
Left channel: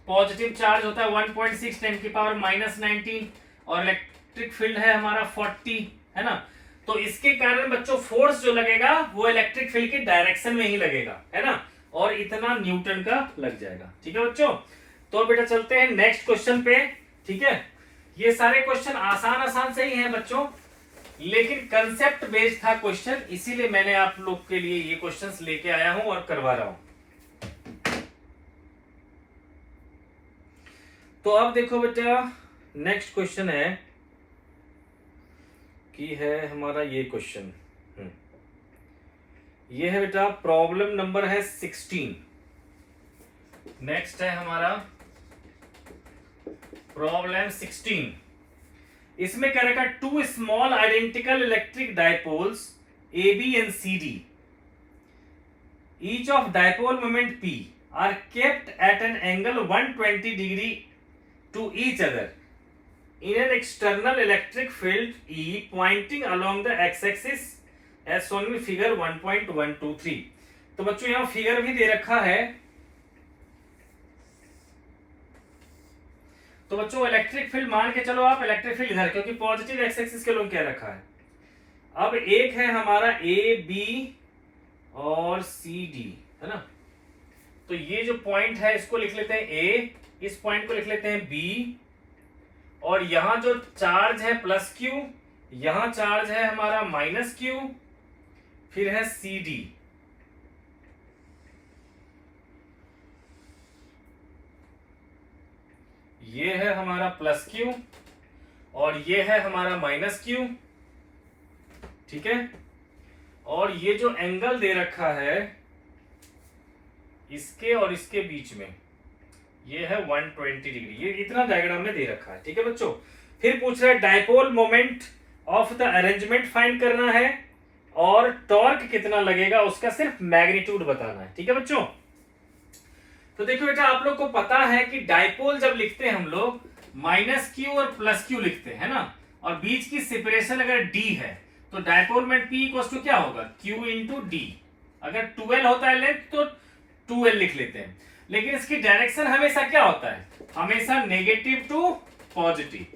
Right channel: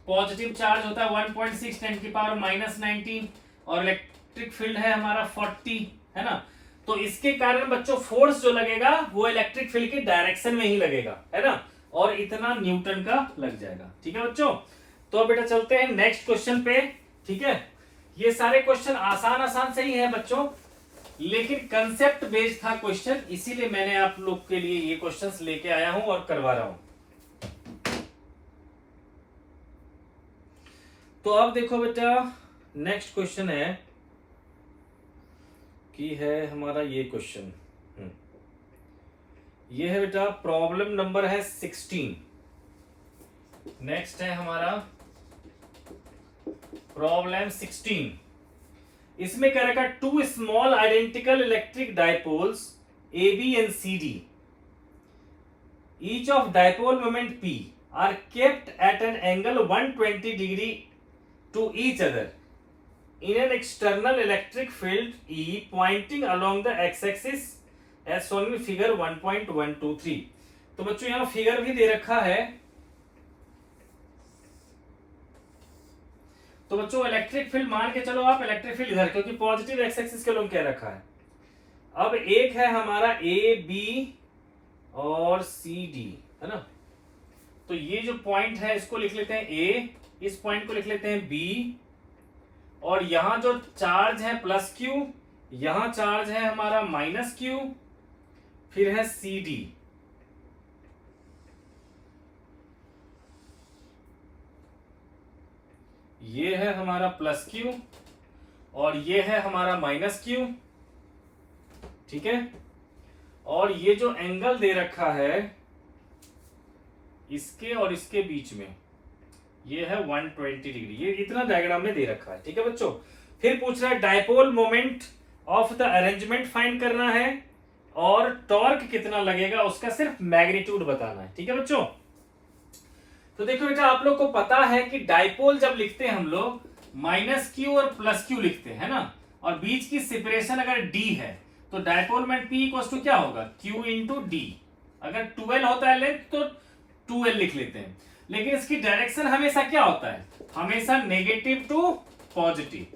पॉजिटिव चार्ज होता है 1.6 10⁻⁻19, और इलेक्ट्रिक फील्ड है हमारा 40, है ना। तो इसके कारण बच्चों फोर्स जो लगेगा वो इलेक्ट्रिक फील्ड की डायरेक्शन में ही लगेगा, है ना, और इतना न्यूटन का लग जाएगा, ठीक है बच्चों। तो बेटा चलते हैं नेक्स्ट क्वेश्चन पे, ठीक है। ये सारे क्वेश्चन आसान आसान से ही है बच्चों, लेकिन कंसेप्ट बेस्ड था क्वेश्चन, इसीलिए मैंने आप लोग के लिए ये क्वेश्चंस लेके आया हूं और करवा रहा हूं। तो अब देखो बेटा नेक्स्ट क्वेश्चन है कि है हमारा ये क्वेश्चन, ये है बेटा प्रॉब्लम नंबर है 16। नेक्स्ट है हमारा प्रॉब्लम 16। इसमें क्या रखा, 2 small identical electric dipoles AB and CD, each of dipole moment P are kept at an angle 120 degree to each other in an external electric field E pointing along the x-axis as shown in figure 1.123। तो बच्चों यहां figure भी दे रखा है। तो बच्चों electric field मान के चलो आप, इलेक्ट्रिक फील्ड इधर, क्योंकि पॉजिटिव एक्स एक्सिस के लोग क्या रखा है। अब एक है हमारा AB और CD, है ना। तो ये जो पॉइंट है इसको लिख लेते हैं A, इस पॉइंट को लिख लेते हैं B, और यहां जो चार्ज है +Q, यहां चार्ज है हमारा -Q, फिर है CD। ये है हमारा +Q और ये है हमारा -Q, ठीक है। और ये जो एंगल दे रखा है इसके और इसके बीच में, ये है 120 डिग्री, ये इतना डायग्राम में दे रखा है, ठीक है बच्चों। फिर पूछ रहा है dipole moment of the arrangement find करना है, और टॉर्क कितना लगेगा उसका सिर्फ मैग्नीट्यूड बताना है, ठीक है बच्चों। तो देखो बेटा आप लोग को पता है कि डायपोल जब लिखते हैं हम लोग -Q और +Q लिखते हैं ना, और बीच की सेपरेशन अगर D है तो dipole moment P equals to क्या होगा Q इंटू D। अगर 12 होता है लेंथ तो 2L लिख लेते हैं, लेकिन इसकी डायरेक्शन हमेशा क्या होता है, हमेशा नेगेटिव टू पॉजिटिव।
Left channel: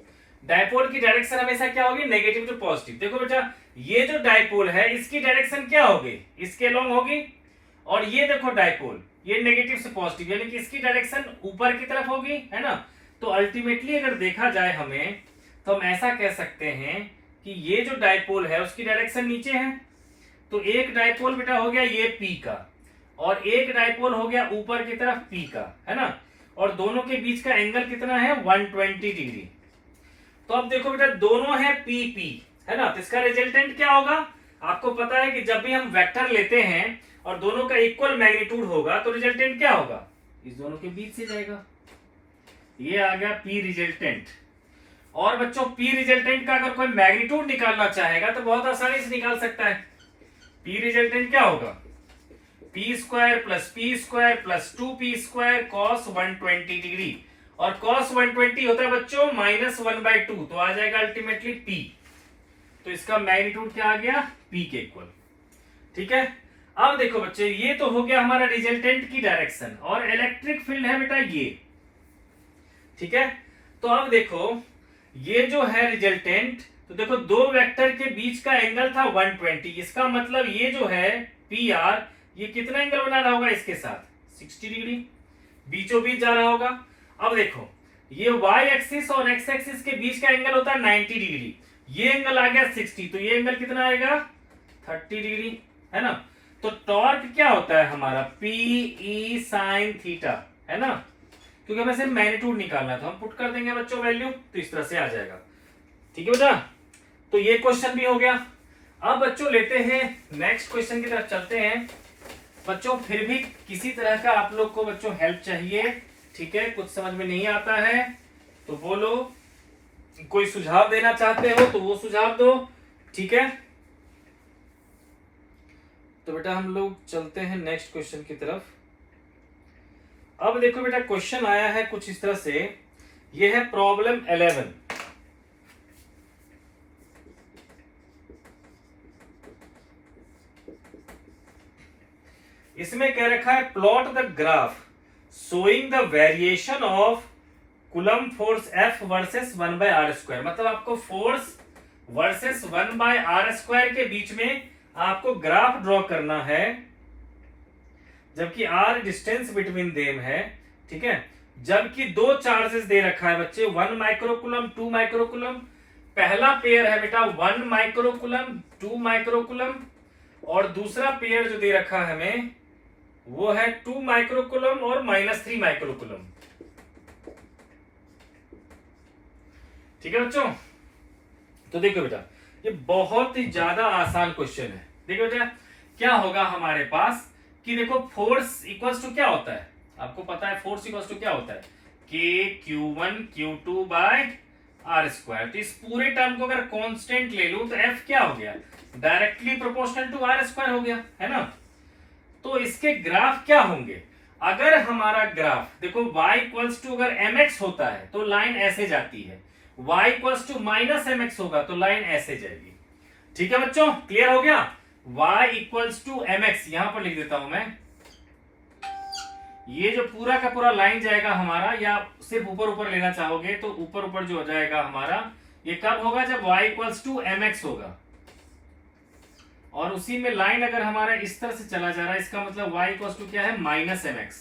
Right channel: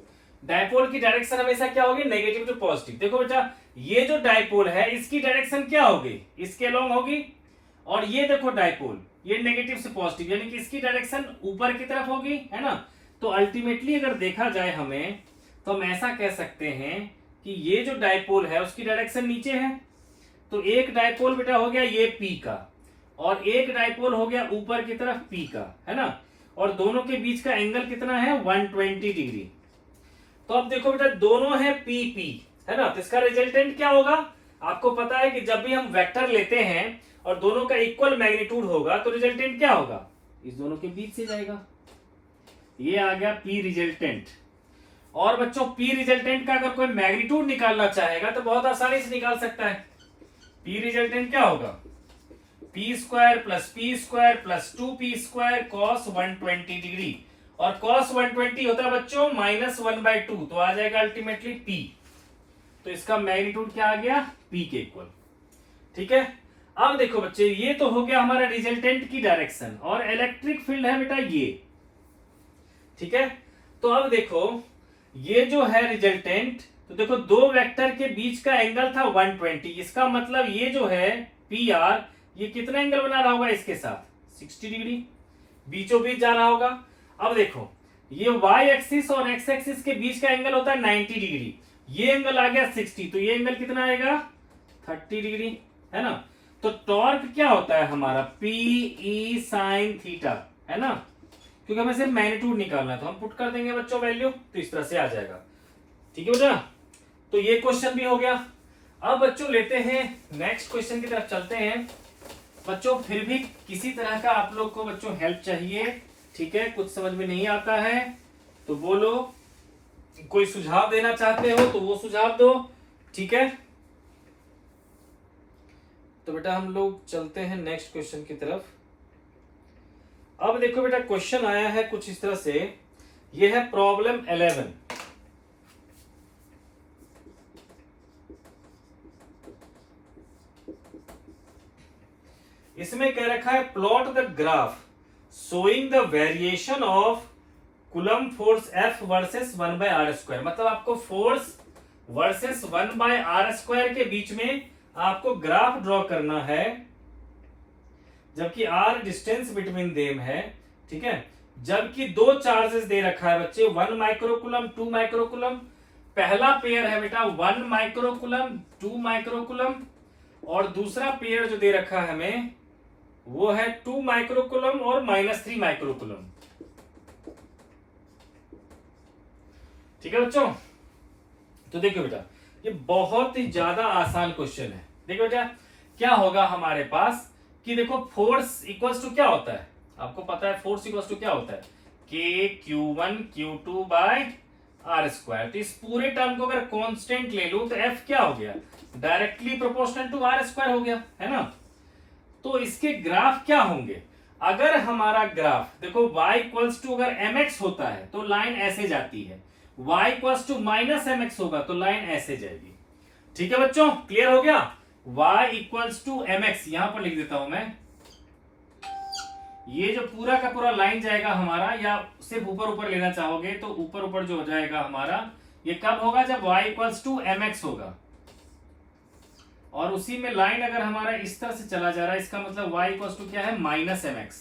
डायपोल की डायरेक्शन हमेशा क्या होगी, नेगेटिव टू पॉजिटिव। देखो बेटा ये जो डायपोल है इसकी डायरेक्शन क्या होगी, इसके अलोंग होगी, और ये देखो डायपोल ये नेगेटिव से पॉजिटिव, यानी कि इसकी डायरेक्शन ऊपर की तरफ होगी, है ना। तो अल्टीमेटली अगर देखा जाए हमें, तो हम ऐसा कह सकते हैं कि ये जो डायपोल है उसकी डायरेक्शन नीचे है। तो एक डायपोल बेटा हो गया ये P का, और एक डायपोल हो गया ऊपर की तरफ P का, है ना। और दोनों के बीच का एंगल कितना है, 120 डिग्री। तो अब देखो बेटा दोनों है PP, है ना। तो इसका रिजल्टेंट क्या होगा, आपको पता है कि जब भी हम वेक्टर लेते हैं और दोनों का इक्वल मैग्नीट्यूड होगा तो रिजल्टेंट क्या होगा, इस दोनों के बीच से जाएगा। ये आ गया P रिजल्टेंट। और बच्चों P रिजल्टेंट का अगर कोई मैग्नीट्यूड निकालना चाहेगा तो बहुत आसानी से निकाल सकता है। P रिजल्टेंट क्या होगा, P square plus 2P square cos 120 degree, और कॉस 120 होता है बच्चों -1/2, तो आ जाएगा अल्टीमेटली P। तो इसका मैग्नीट्यूड क्या आ गया, P के इक्वल। ठीक है, अब देखो बच्चे ये तो हो गया हमारा रिजल्टेंट की डायरेक्शन, और इलेक्ट्रिक फील्ड है बेटा ये। ठीक है, तो अब देखो ये जो है रिजल्टेंट, तो देखो दो वेक्टर के बीच का एंगल था 120, इसका मतलब ये जो है PR ये कितना एंगल बना रहा होगा इसके साथ, 60 डिग्री, बीचों बीच जा रहा होगा। अब देखो ये y एक्सिस और x एक्सिस के बीच का एंगल होता है 90 डिग्री, ये एंगल आ गया 60, तो ये एंगल कितना आएगा 30 डिग्री, है ना। तो टॉर्क क्या होता है हमारा, PE sin थीटा, है ना। क्योंकि हमें सिर्फ मैग्नीट्यूड निकालना था, हम पुट कर देंगे बच्चों वैल्यू, तो इस तरह से आ जाएगा। ठीक है बेटा, तो ये क्वेश्चन भी हो गया। अब बच्चों लेते हैं नेक्स्ट क्वेश्चन की तरफ चलते हैं। बच्चों फिर भी किसी तरह का आप लोग को बच्चों हेल्प चाहिए, ठीक है। कुछ समझ में नहीं आता है तो बोलो, कोई सुझाव देना चाहते हो तो वो सुझाव दो, ठीक है। तो बेटा हम लोग चलते हैं नेक्स्ट क्वेश्चन की तरफ। अब देखो बेटा क्वेश्चन आया है कुछ इस तरह से, ये है प्रॉब्लम 11। इसमें कह रखा है plot the graph showing the variation of coulomb force F versus 1/r²। मतलब आपको फोर्स वर्सेस 1/r² के बीच में आपको ग्राफ ड्रॉ करना है, जबकि r डिस्टेंस बिटवीन देम है, ठीक है। जबकि दो चार्जेस दे रखा है बच्चे, 1 माइक्रोकूलम 2 माइक्रोकूलम। पहला पेयर है बेटा 1 माइक्रोकूलम 2 माइक्रोकूलम, और दूसरा पेयर जो दे रखा है हमें वो है 2 माइक्रोकूलम और -3 माइक्रोकूलम। ठीक है बच्चों, तो देखो बेटा ये बहुत ही ज्यादा आसान क्वेश्चन है। देखो बेटा क्या होगा हमारे पास कि देखो फोर्स इक्वल्स टू क्या होता है, आपको पता है फोर्स इक्वल्स टू क्या होता है, KQ1 Q2 बाय r²। तो इस पूरे टर्म को अगर कांस्टेंट ले लूं तो F क्या हो गया, डायरेक्टली प्रोपोर्शनल टू r² हो गया, है ना। तो इसके ग्राफ क्या होंगे, अगर हमारा ग्राफ देखो y इक्वल्स टू अगर mx होता है तो लाइन ऐसे जाती है, y इक्वल्स टू -mx होगा तो लाइन ऐसे जाएगी। ठीक है बच्चों, क्लियर हो गया। y इक्वल्स टू mx यहां पर लिख देता हूं मैं, ये जो पूरा का पूरा लाइन जाएगा हमारा, या सिर्फ ऊपर ऊपर लेना चाहोगे तो ऊपर ऊपर जो हो जाएगा हमारा, ये कब होगा जब y इक्वल्स टू mx होगा, और उसी में लाइन अगर हमारा इस तरह से चला जा रहा है, इसका मतलब y इक्वल्स टू क्या है -mx।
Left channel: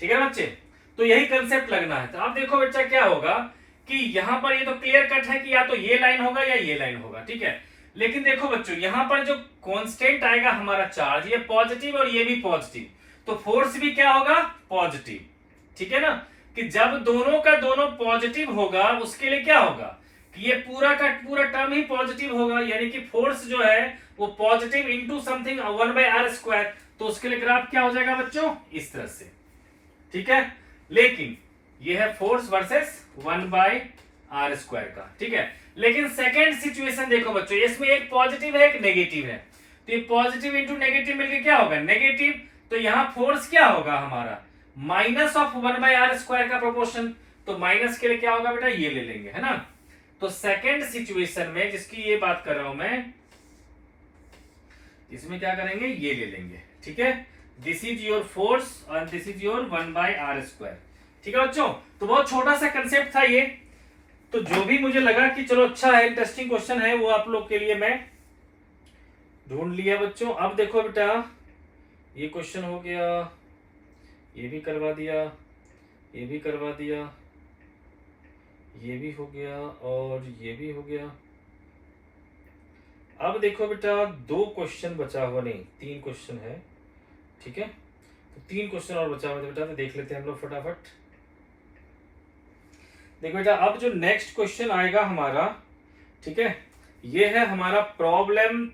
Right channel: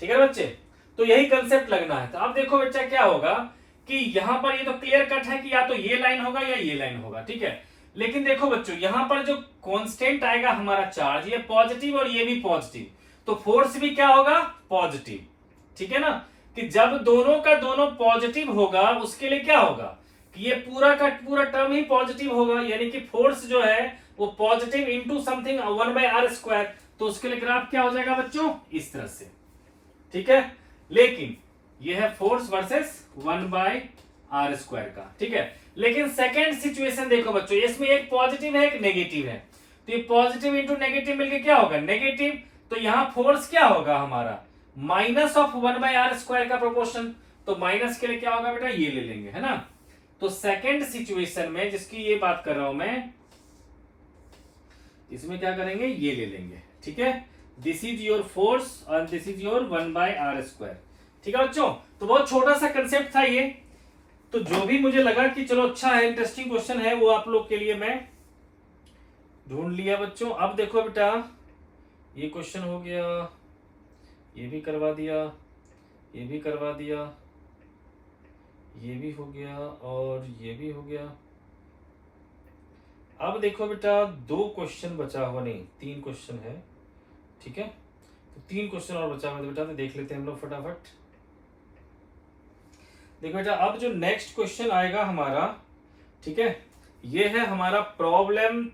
ठीक है बच्चे, तो यही कंसेप्ट लगना है। तो अब देखो बच्चा क्या होगा कि यहां पर ये तो क्लियर कट है कि या तो ये लाइन होगा या ये लाइन होगा, ठीक है। लेकिन देखो बच्चों यहां पर जो कांस्टेंट आएगा हमारा चार्ज, ये पॉजिटिव और ये भी पॉजिटिव, तो फोर्स भी क्या होगा, पॉजिटिव। ठीक है ना, कि जब दोनों का दोनों पॉजिटिव होगा उसके लिए क्या होगा कि ये पूरा का पूरा टर्म ही पॉजिटिव होगा, यानी कि फोर्स जो है वो पॉजिटिव इंटू समथिंग 1/r²। तो उसके लिए ग्राफ क्या हो जाएगा बच्चों, इस तरह से। ठीक है, लेकिन ये है फोर्स वर्सेस 1/r² का, ठीक है। लेकिन सेकेंड सिचुएशन देखो बच्चों, इसमें एक पॉजिटिव है एक नेगेटिव है, तो ये पॉजिटिव इंटू नेगेटिव मिलके क्या होगा, नेगेटिव। तो यहां फोर्स क्या होगा हमारा, माइनस ऑफ 1/r² का प्रोपोर्शन, तो माइनस के लिए क्या होगा बेटा, ये ले लेंगे, है ना। तो सेकेंड सिचुएशन में जिसकी ये बात कर रहा हूं मैं, इसमें क्या करेंगे, ये ले लेंगे, ठीक है। दिस इज योर फोर्स और दिस इज योर 1/r²। ठीक है बच्चों, तो बहुत छोटा सा कंसेप्ट था ये, तो जो भी मुझे लगा कि चलो अच्छा है, इंटरेस्टिंग क्वेश्चन है, वो आप लोग के लिए मैं ढूंढ लिया बच्चों। अब देखो बेटा, ये क्वेश्चन हो गया, ये भी करवा दिया, ये भी करवा दिया, ये भी हो गया और ये भी हो गया। अब देखो बेटा, 2 क्वेश्चन बचा हुआ, नहीं 3 क्वेश्चन है, ठीक है। तो 3 क्वेश्चन और बचा हुआ है बेटा, तो देख लेते हैं हम लोग फटाफट। देखो बेटा, अब जो नेक्स्ट क्वेश्चन आएगा हमारा, ठीक है, ये है हमारा प्रॉब्लम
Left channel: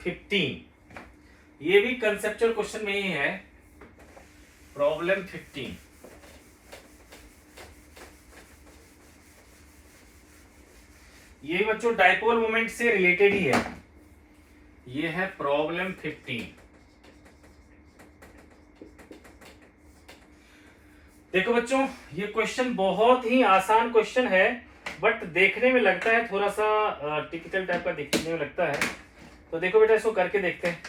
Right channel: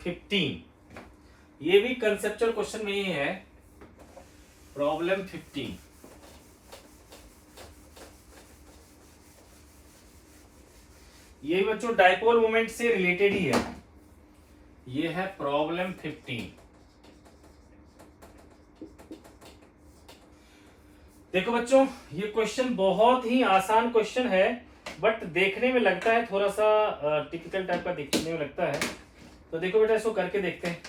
15। ये भी कंसेप्चुअल क्वेश्चन में ही है, प्रॉब्लम 15। ये बच्चों डाइपोल मोमेंट से रिलेटेड ही है। ये है प्रॉब्लम 15। देखो बच्चों, ये क्वेश्चन बहुत ही आसान क्वेश्चन है, बट देखने में लगता है थोड़ा सा टिपिकल टाइप का देखने में लगता है। तो देखो बेटा, इसको करके देखते हैं।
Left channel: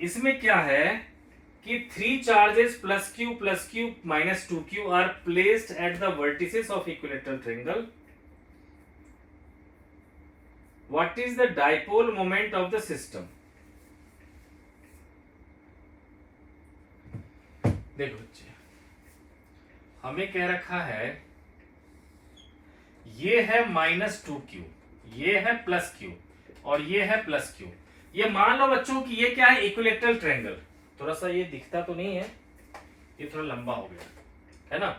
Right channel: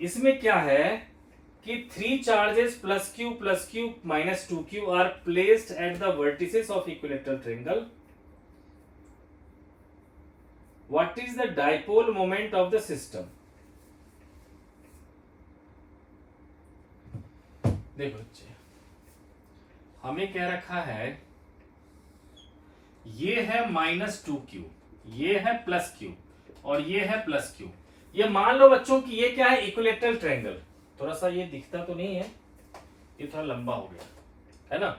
इसमें क्या है कि 3 charges plus Q minus 2q are placed at the vertices of equilateral triangle. What is the dipole moment of the system? देखो बच्चे, हमें कह रखा है ये है -2q, ये है +q और ये है +q। ये मान लो बच्चों कि ये क्या है, इक्विलेटरल ट्रायंगल। थोड़ा सा ये दिखता तो नहीं है, ये थोड़ा लंबा हो गया है ना।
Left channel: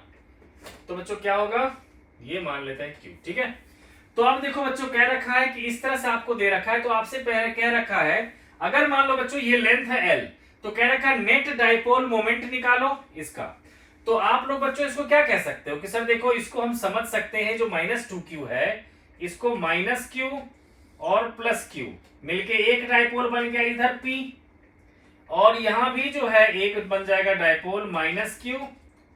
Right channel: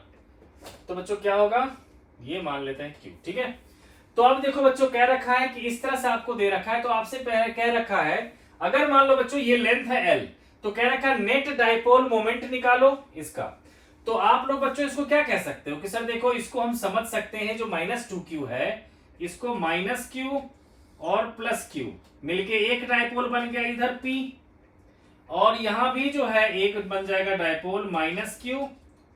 तो बच्चों क्या होगा, ये मान लेते हैं q, ठीक है। तो अब देखो बच्चों, कह रखा है कि इस तरह से आपको दे रखा है, तो आपसे कह रखा है अगर मान लो बच्चों ये लेंथ है l, तो कह रखा है नेट डाइपोल मोमेंट निकालो इसका। तो आप लोग बच्चों इसको क्या कह सकते हो कि सर देखो, इसको हम समझ सकते हैं, जो -2q है इसको -q और +q मिलके एक डाइपोल बन गया इधर p, और यहां भी जो है एक बन जाएगा डाइपोल -q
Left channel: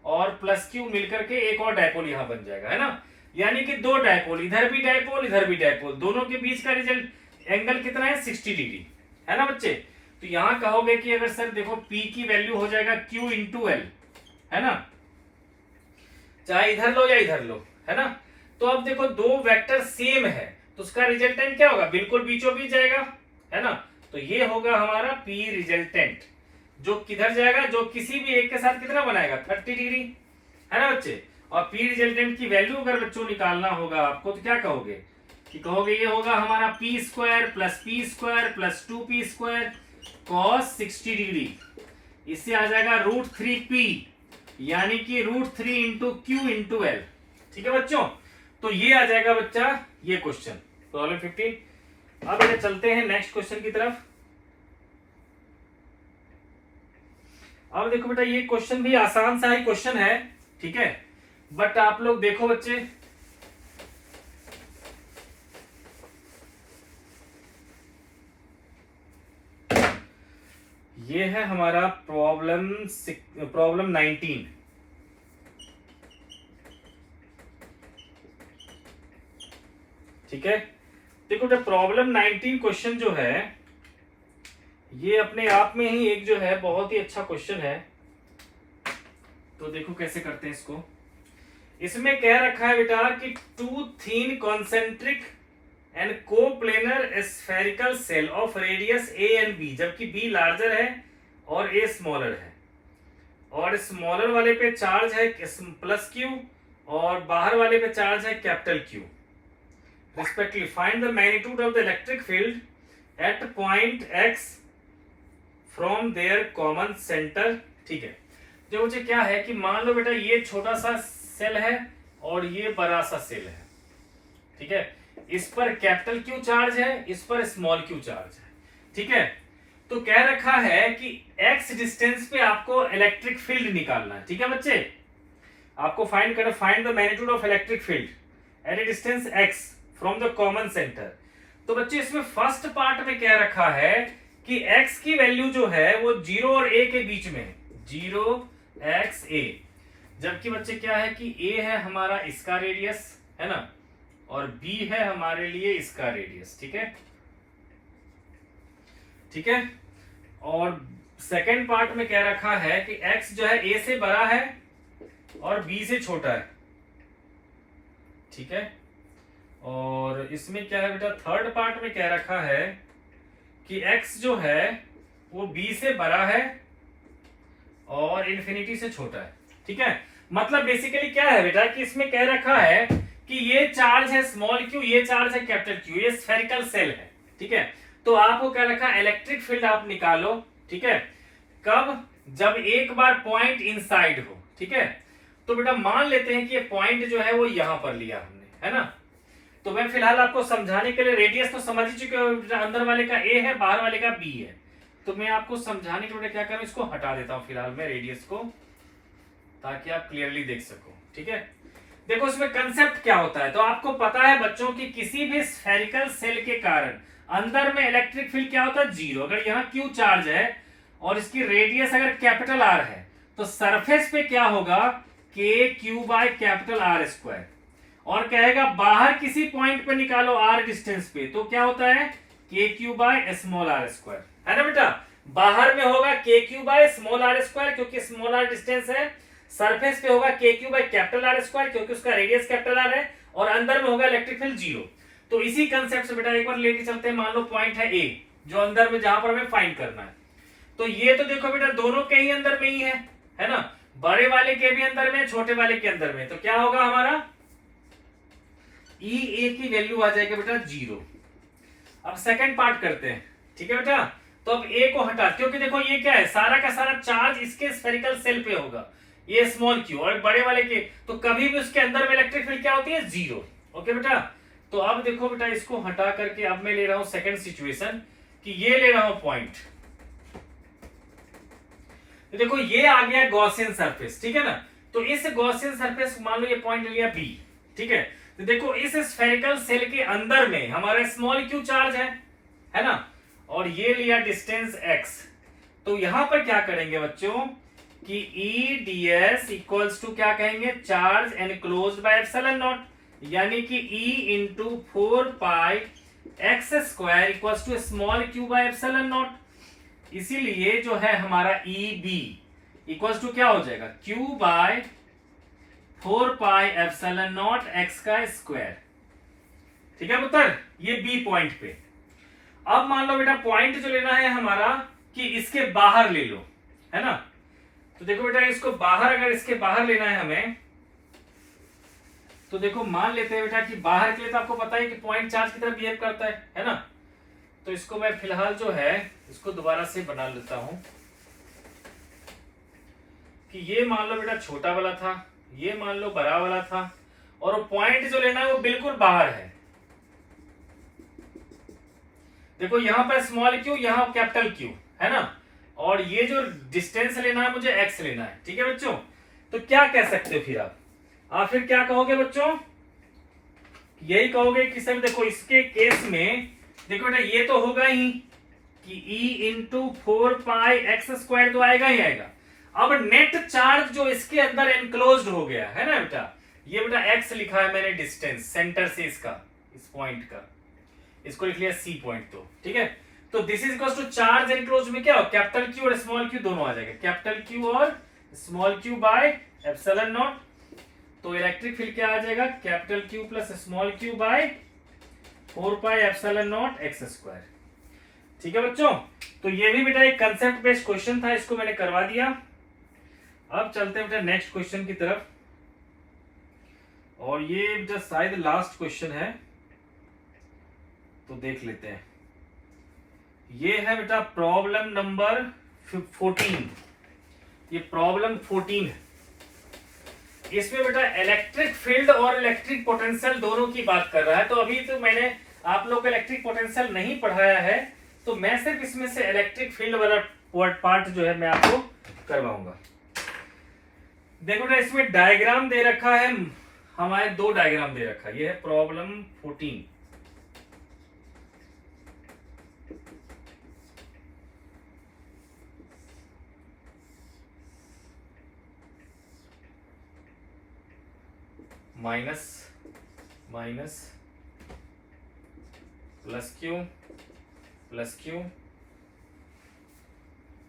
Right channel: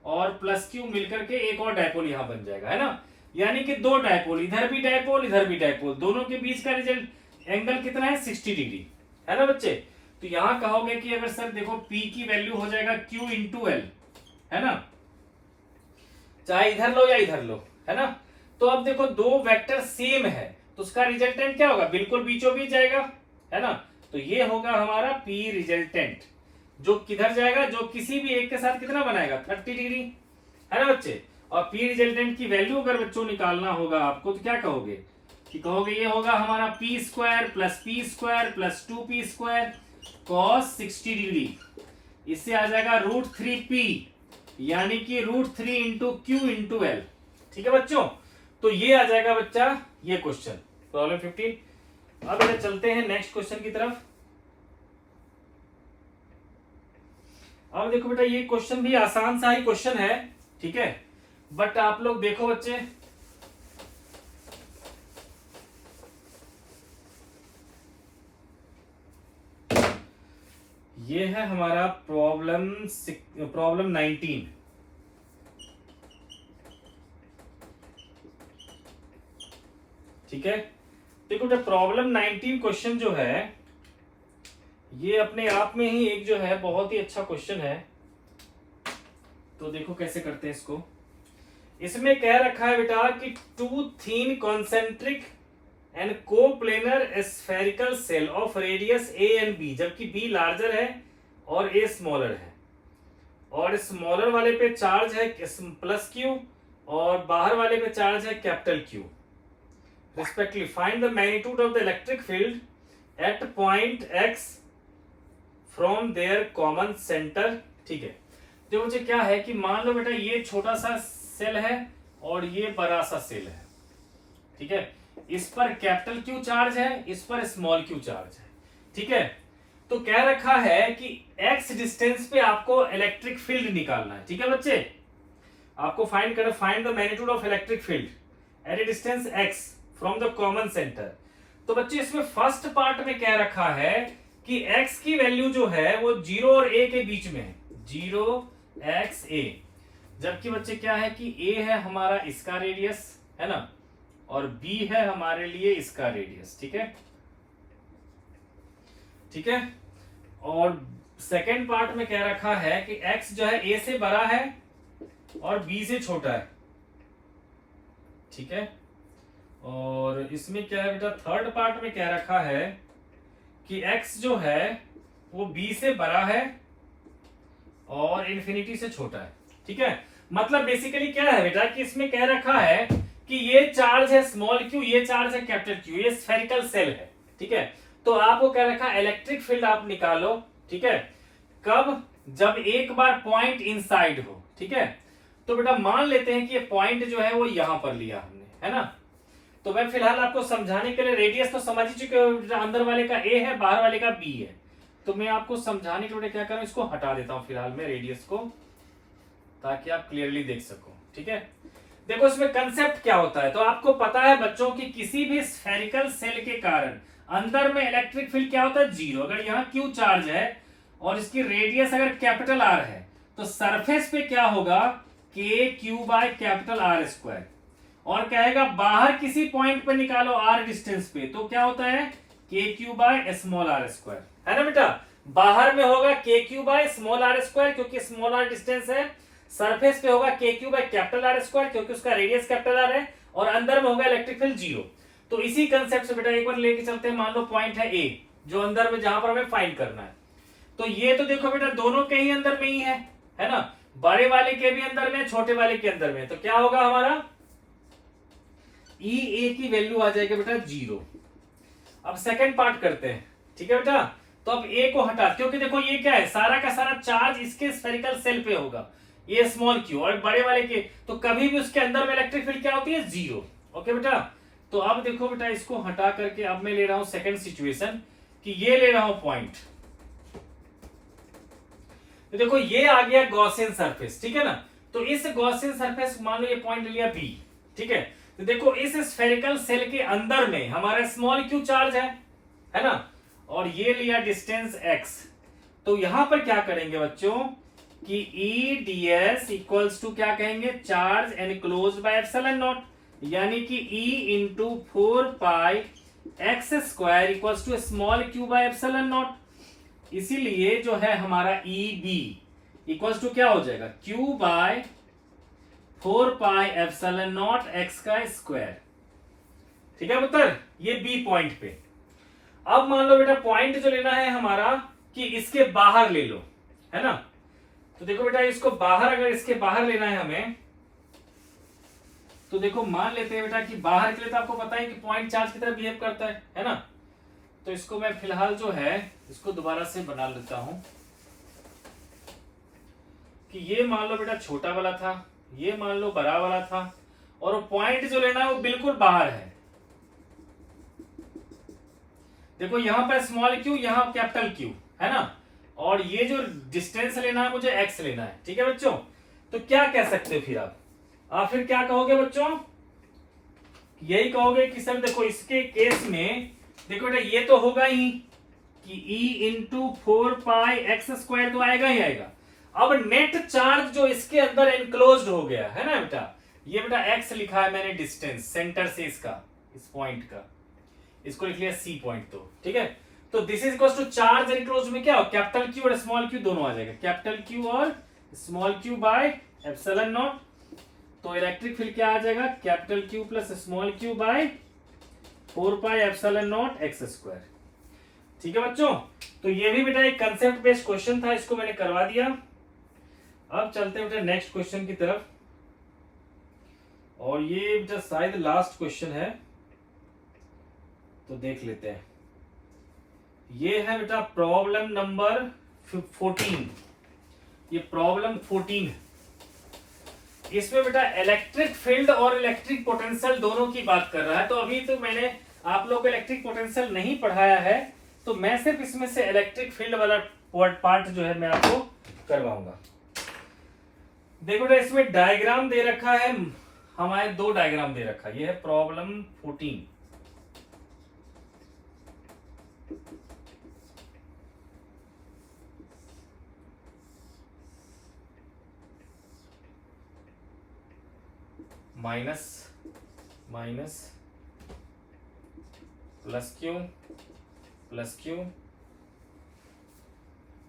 और +q मिलकर के एक और डाइपोल यहां बन जाएगा, है ना। यानी कि 2 डाइपोल, इधर भी डाइपोल इधर भी डाइपोल, दोनों के बीच का रिजल्ट एंगल कितना है, 60 डिग्री, है ना बच्चे। तो यहां कहोगे कि अगर सर देखो p की वैल्यू हो जाएगा q इंटू एल, है ना, चाहे इधर लो या इधर लो, है ना। तो अब देखो 2 वेक्टर सेम है, तो उसका रिजल्टेंट क्या होगा, बिल्कुल बीचों बीच जाएगा, है ना। तो ये होगा हमारा p रिजल्टेंट, जो किधर जाएगा, जो किसी भी एक के साथ कितना बनाएगा, 30 डिग्री, है ना बच्चे। और p रिजल्टेंट की वैल्यू अगर बच्चों निकालना होगा आपको, तो क्या कहोगे कि कहोगे ये होगा हमारा p² + plus 2p² cos 60 degree. इससे आ जाएगा √3p, यानी कि √3 इंटू क्यू इंटू एल, ठीक है बच्चों। तो ये आ जाएगा बच्चा ये क्वेश्चन, प्रॉब्लम 15। अब बेटा चलते हैं नेक्स्ट क्वेश्चन की तरफ। अब देखो बेटा, ये क्वेश्चन भी आसान सा ही क्वेश्चन है, ठीक है, बट आप लोग देखो बच्चे, ये है हमारा प्रॉब्लम 19। ठीक है, देखो प्रॉब्लम 19 क्वेश्चन जो है, ये अपने आप में ही एक जो है बहुत ही अच्छा क्वेश्चन है। तो देखो कैसे करते हैं इसको। इसमें कह रखा है बेटा कि 2 thin concentric and coplanar spherical shell of radius a and b, जबकि b लार्जर है और a स्मॉलर है, और स्मॉलर वाले पे चार्ज है +q और बाहर वाले पे चार्ज है Q respectively. Find the magnitude of the electric field at point x from their common centre. ठीक है, जो मुझे क्या है कि मान लो बेटा ये छोटा सा सेल है और ये बड़ा सा सेल है, ठीक है, इस पर Q चार्ज है, इस पर q चार्ज है, ठीक है। तो कह रखा है कि x डिस्टेंस पे आपको इलेक्ट्रिक फील्ड निकालना है, ठीक है बच्चे। आपको find the magnitude of electric field eight A distance x from the common centre. तो बच्चे इसमें फर्स्ट पार्ट में कह रखा है कि x की वैल्यू जो है वो 0 और a के बीच में है, 0xa, जबकि बच्चे क्या है कि a है हमारा इसका रेडियस, है ना, और b है हमारे लिए इसका रेडियस, ठीक है, ठीक है। और सेकेंड पार्ट में कह रखा है कि x जो है a से बड़ा है और b से छोटा है, ठीक है, और इसमें क्या है बेटा, थर्ड पार्ट में क्या रखा है कि x जो है वो b से बड़ा है और इन्फिनिटी से छोटा है। ठीक है, मतलब बेसिकली क्या है बेटा कि इसमें कह रखा है कि ये चार्ज है स्मॉल क्यू, ये चार्ज है कैपिटल क्यू, ये स्फेरिकल सेल है। ठीक है, तो आपको कह रखा है इलेक्ट्रिक फील्ड आप निकालो। ठीक है, कब, जब एक बार पॉइंट इनसाइड हो। ठीक है, तो बेटा मान लेते हैं कि ये पॉइंट जो है वो यहां पर लिया हमने, है ना। तो मैं फिलहाल आपको समझाने के लिए, रेडियस तो समझ ही चुके हो, अंदर वाले का ए है, बाहर वाले का बी है। तो मैं आपको समझाने के लिए क्या करूं, इसको हटा देता हूं फिलहाल मैं रेडियस को, ताकि आप क्लियरली देख सको। ठीक है, देखो इसमें कंसेप्ट क्या होता है, तो आपको पता है बच्चों की किसी भी स्फेरिकल सेल के कारण अंदर में इलेक्ट्रिक फील्ड क्या होता है, जीरो। अगर यहाँ क्यू चार्ज है और इसकी रेडियस अगर कैपिटल आर है, तो सरफेस पे क्या होगा, K Q by capital R square. और कहेगा बाहर किसी पॉइंट पे निकालो आर डिस्टेंस पे, तो क्या होता है, K Q by small R square, है ना बेटा। बाहर में होगा K Q by small R square, क्योंकि स्मॉल आर डिस्टेंस है। सरफेस पे होगा K Q by capital R square, क्योंकि उसका रेडियस कैपिटल आर है। और अंदर में होगा इलेक्ट्रिक फील्ड जीरो। तो इसी कंसेप्ट से बेटा एक बार लेके चलते हैं। मान लो पॉइंट है ए, जो अंदर में जहां पर हमें फाइंड करना है। तो ये तो देखो बेटा दोनों के ही अंदर में ही है ना। बड़े वाले के भी अंदर में, छोटे वाले के अंदर में। तो क्या होगा हमारा, ई ए की वैल्यू आ जाएगी बेटा जीरो। अब सेकंड पार्ट करते हैं। ठीक है बेटा, तो अब ए को हटा, क्योंकि देखो ये क्या है, सारा का सारा चार्ज इसके स्फेरिकल सेल पे होगा, ये स्मॉल क्यू, और बड़े वाले के, तो कभी भी उसके अंदर में इलेक्ट्रिक फील्ड क्या होती है, जीरो। ओके बेटा, तो अब देखो बेटा इसको हटा करके अब मैं ले रहा हूं सेकंड सिचुएशन, कि ये ले रहा हूं पॉइंट। तो देखो ये आ गया गॉसियन सरफेस। ठीक है ना, तो इस गॉसियन सरफेस मान लो ये पॉइंट लिया बी। ठीक है, तो देखो इस स्फेरिकल सेल के अंदर में हमारा स्मॉल क्यू चार्ज है ना, और ये लिया डिस्टेंस x। तो यहां पर क्या करेंगे बच्चों कि E D S equals to क्या कहेंगे, charge enclose by epsilon naught, यानी कि E into 4 pi X square equals to small Q by epsilon naught. इसीलिए जो है हमारा ई बी इक्वल्स टू क्या हो जाएगा, Q by 4 pi epsilon naught X का स्क्वायर। ठीक है पुत्र, ये बी पॉइंट पे। अब मान लो बेटा पॉइंट जो लेना है हमारा कि इसके बाहर ले लो, है ना। तो देखो बेटा इसको बाहर, अगर इसके बाहर लेना है हमें, तो देखो मान लेते हैं बेटा कि बाहर के लिए तो आपको पता है कि पॉइंट चार्ज की तरह बिहेव करता है ना। तो इसको मैं फिलहाल जो है इसको दोबारा से बना लेता हूं कि ये मान लो बेटा छोटा वाला था, ये मान लो बड़ा वाला था, और पॉइंट जो लेना है वो बिल्कुल बाहर है। देखो यहां पर स्मॉल क्यू, यहां कैपिटल क्यू, है ना। और ये जो डिस्टेंस लेना है मुझे एक्स लेना है। ठीक है बच्चों, तो क्या कह सकते हो फिर आप फिर क्या कहोगे बच्चों, यही कहोगे कि सर देखो इसके केस में देखो बेटा ये तो होगा ही कि E into 4 pi X square तो आएगा ही आएगा। अब नेट चार्ज जो इसके अंदर एनक्लोज्ड हो गया है ना बेटा, ये बेटा x लिखा है मैंने डिस्टेंस सेंटर से इसका, इस पॉइंट का, इसको लिख लिया सी पॉइंट। तो ठीक है, तो this is equals to charge enclosed में क्या हो, कैपिटल क्यू और स्मॉल क्यू दोनों आ जाएगा, कैपिटल क्यू और small Q by epsilon naught. तो इलेक्ट्रिक फील्ड क्या आ जाएगा, capital Q plus small Q by 4 pi epsilon naught X square. ठीक है बच्चों, तो ये भी बेटा एक कंसेप्ट बेस्ड क्वेश्चन था, इसको मैंने करवा दिया। अब चलते हैं बेटा नेक्स्ट क्वेश्चन की तरफ, और ये बेटा शायद लास्ट क्वेश्चन है, तो देख लेते हैं। ये है बेटा प्रॉब्लम नंबर 14। ये प्रॉब्लम 14 है। इसमें बेटा इलेक्ट्रिक फील्ड और इलेक्ट्रिक पोटेंशियल दोनों की बात कर रहा है। तो अभी तो मैंने आप लोग को इलेक्ट्रिक पोटेंशियल नहीं पढ़ाया है, तो मैं सिर्फ इसमें से इलेक्ट्रिक फील्ड वाला पार्ट जो है मैं आपको करवाऊंगा। देखो बेटा इसमें डायग्राम दे रखा है, हमारे दो डायग्राम दे रखा है। ये है problem 14। Minus minus plus Q,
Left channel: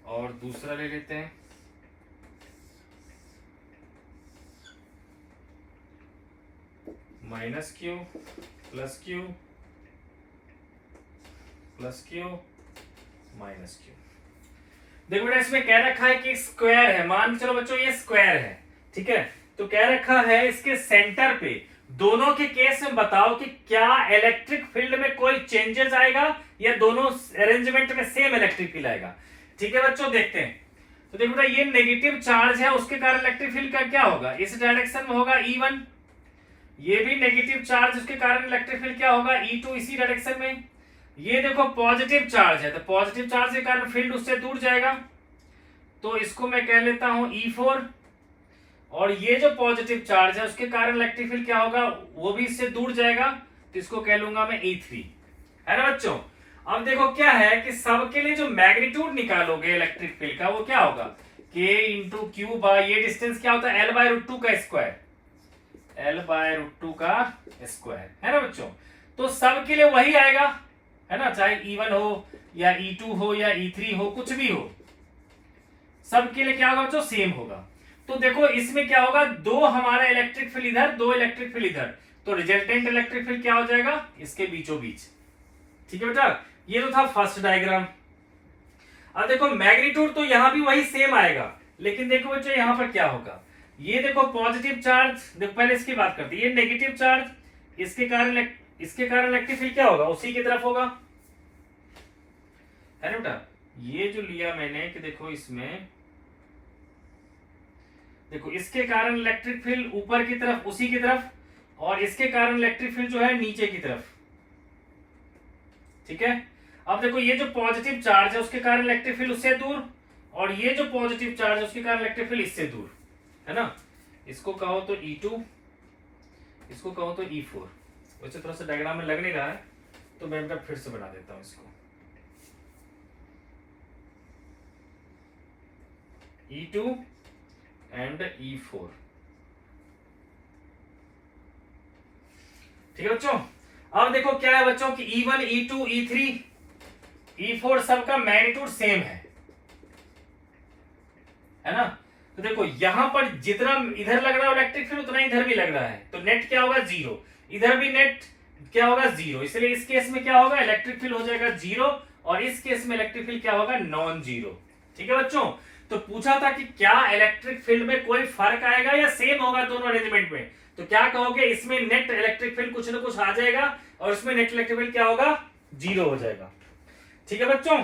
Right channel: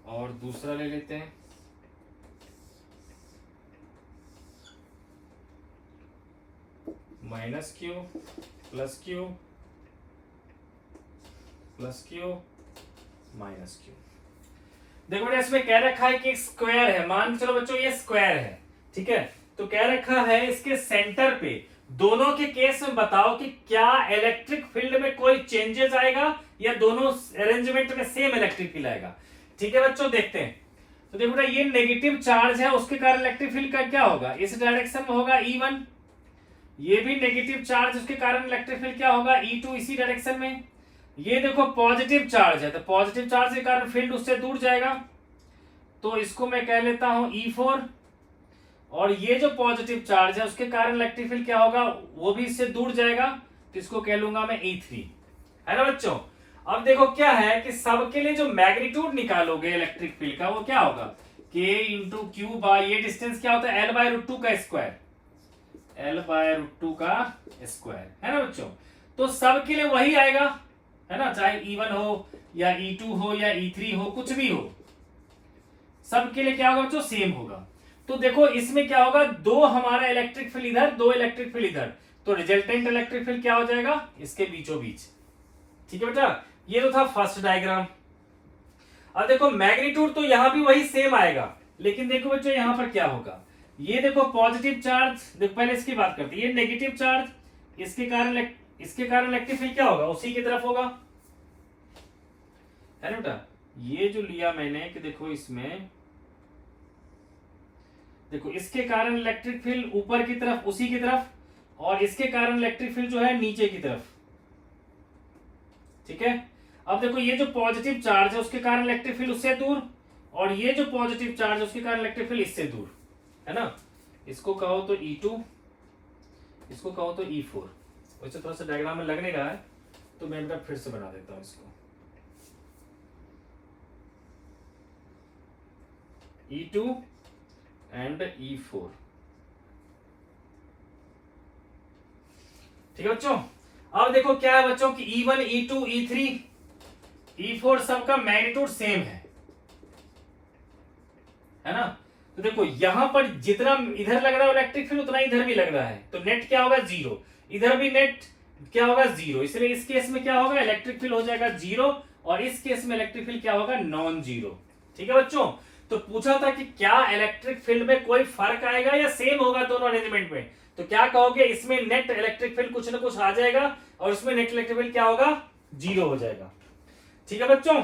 और दूसरा ले लेते हैं minus Q plus Q plus Q minus Q. देखो बेटा इसमें कह रखा है कि स्क्वायर है, मान चलो बच्चों ये स्क्वायर है, ठीक है। तो कह रखा है इसके सेंटर पे दोनों के केस में बताओ कि क्या इलेक्ट्रिक फील्ड में कोई चेंजेस आएगा या दोनों अरेंजमेंट में सेम इलेक्ट्रिक फील्ड आएगा। ठीक है बच्चों, देखते हैं। तो देखो बेटा ये नेगेटिव चार्ज है, उसके कारण इलेक्ट्रिक फील्ड का क्या होगा, इस डायरेक्शन में होगा E1। ये भी नेगेटिव चार्ज, उसके कारण इलेक्ट्रिक फील्ड क्या होगा E2 इसी डायरेक्शन में। ये देखो पॉजिटिव चार्ज है, तो पॉजिटिव चार्ज के कारण फील्ड उससे दूर जाएगा, तो इसको मैं कह लेता हूं E4। और ये जो पॉजिटिव चार्ज है उसके कारण इलेक्ट्रिक फील्ड क्या होगा, वो भी इससे दूर जाएगा, तो इसको कह लूंगा मैं E3, है ना बच्चों। अब देखो क्या है कि सबके लिए जो मैग्नीट्यूड निकालोगे इलेक्ट्रिक फील्ड का वो क्या होगा, K इंटू क्यू बाय ये डिस्टेंस क्या होता है L/√2 का स्क्वायर, L/√2 का स्क्वायर, है ना बच्चों। तो सबके लिए वही आएगा, है ना, चाहे E1 हो या E2 हो या E3 हो, कुछ भी हो, सबके लिए क्या होगा बच्चों, सेम होगा। तो देखो इसमें क्या होगा, दो हमारा इलेक्ट्रिक फील्ड इधर, दो इलेक्ट्रिक फील्ड इधर, तो रिजल्टेंट इलेक्ट्रिक फील्ड क्या हो जाएगा, इसके बीचों बीच। ठीक है बेटा, ये तो था फर्स्ट डायग्राम। अब देखो मैग्नीट्यूड तो यहां भी वही सेम आएगा, लेकिन देखो बच्चों यहां पर क्या होगा, ये देखो पॉजिटिव चार्ज, देखो पहले इसकी बात करते हैं, ये नेगेटिव चार्ज, इसके कारण इलेक्ट्रिक फील्ड क्या होगा, उसी की तरफ होगा, है ना बेटा। ये जो लिया मैंने कि देखो इसमें देखो इसके कारण इलेक्ट्रिक फील्ड ऊपर की तरफ, उसी की तरफ, और इसके कारण इलेक्ट्रिक फील्ड जो है नीचे की तरफ। ठीक है, अब देखो ये जो पॉजिटिव चार्ज है उसके कारण इलेक्ट्रिक फील्ड उससे दूर, और ये जो पॉजिटिव चार्ज है उसके कारण इलेक्ट्रिक फील्ड इससे दूर, है ना। इसको कहो तो E2, इसको कहो तो E4। वैसे थोड़ा सा डायग्राम में लग नहीं रहा है, तो मैं बेटा फिर से बना देता हूं इसको, E2 एंड E4। ठीक है बच्चों, अब देखो क्या है बच्चों कि E1 E2 E3 E4 सबका मैग्नीट्यूड सेम है ना। तो देखो यहां पर जितना इधर लग रहा है इलेक्ट्रिक फील्ड उतना इधर भी लग रहा है, तो नेट क्या होगा 0, इधर भी नेट क्या होगा 0, इसलिए इस केस में क्या होगा, इलेक्ट्रिक फील्ड हो जाएगा 0, और इस केस में इलेक्ट्रिक फील्ड क्या होगा, नॉन जीरो। ठीक है बच्चों, तो पूछा था कि क्या इलेक्ट्रिक फील्ड में कोई फर्क आएगा या सेम होगा दोनों अरेंजमेंट में, तो क्या कहोगे, इसमें नेट इलेक्ट्रिक फील्ड कुछ ना कुछ आ जाएगा, और इसमें नेट इलेक्ट्रिक फील्ड क्या होगा, 0 हो जाएगा। ठीक है बच्चों,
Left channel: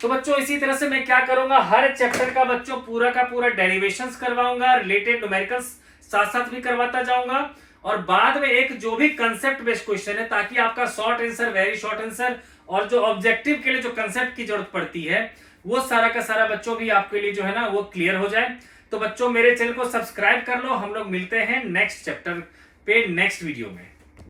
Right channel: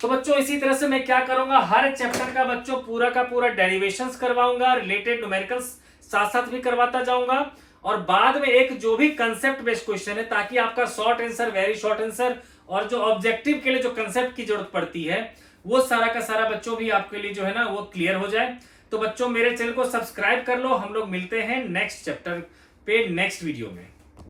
तो बच्चों इसी तरह से मैं क्या करूंगा, हर चैप्टर का बच्चों पूरा का पूरा डेरिवेशंस करवाऊंगा, रिलेटेड न्यूमेरिकल्स साथ साथ भी करवाता जाऊंगा, और बाद में एक जो भी कंसेप्ट बेस्ड क्वेश्चन है, ताकि आपका short answer, very short answer, और जो ऑब्जेक्टिव के लिए जो कंसेप्ट की जरूरत पड़ती है वो सारा का सारा बच्चों भी आपके लिए जो है ना वो क्लियर हो जाए। तो बच्चों मेरे चैनल को सब्सक्राइब कर लो, हम लोग मिलते हैं नेक्स्ट चैप्टर पे नेक्स्ट वीडियो में।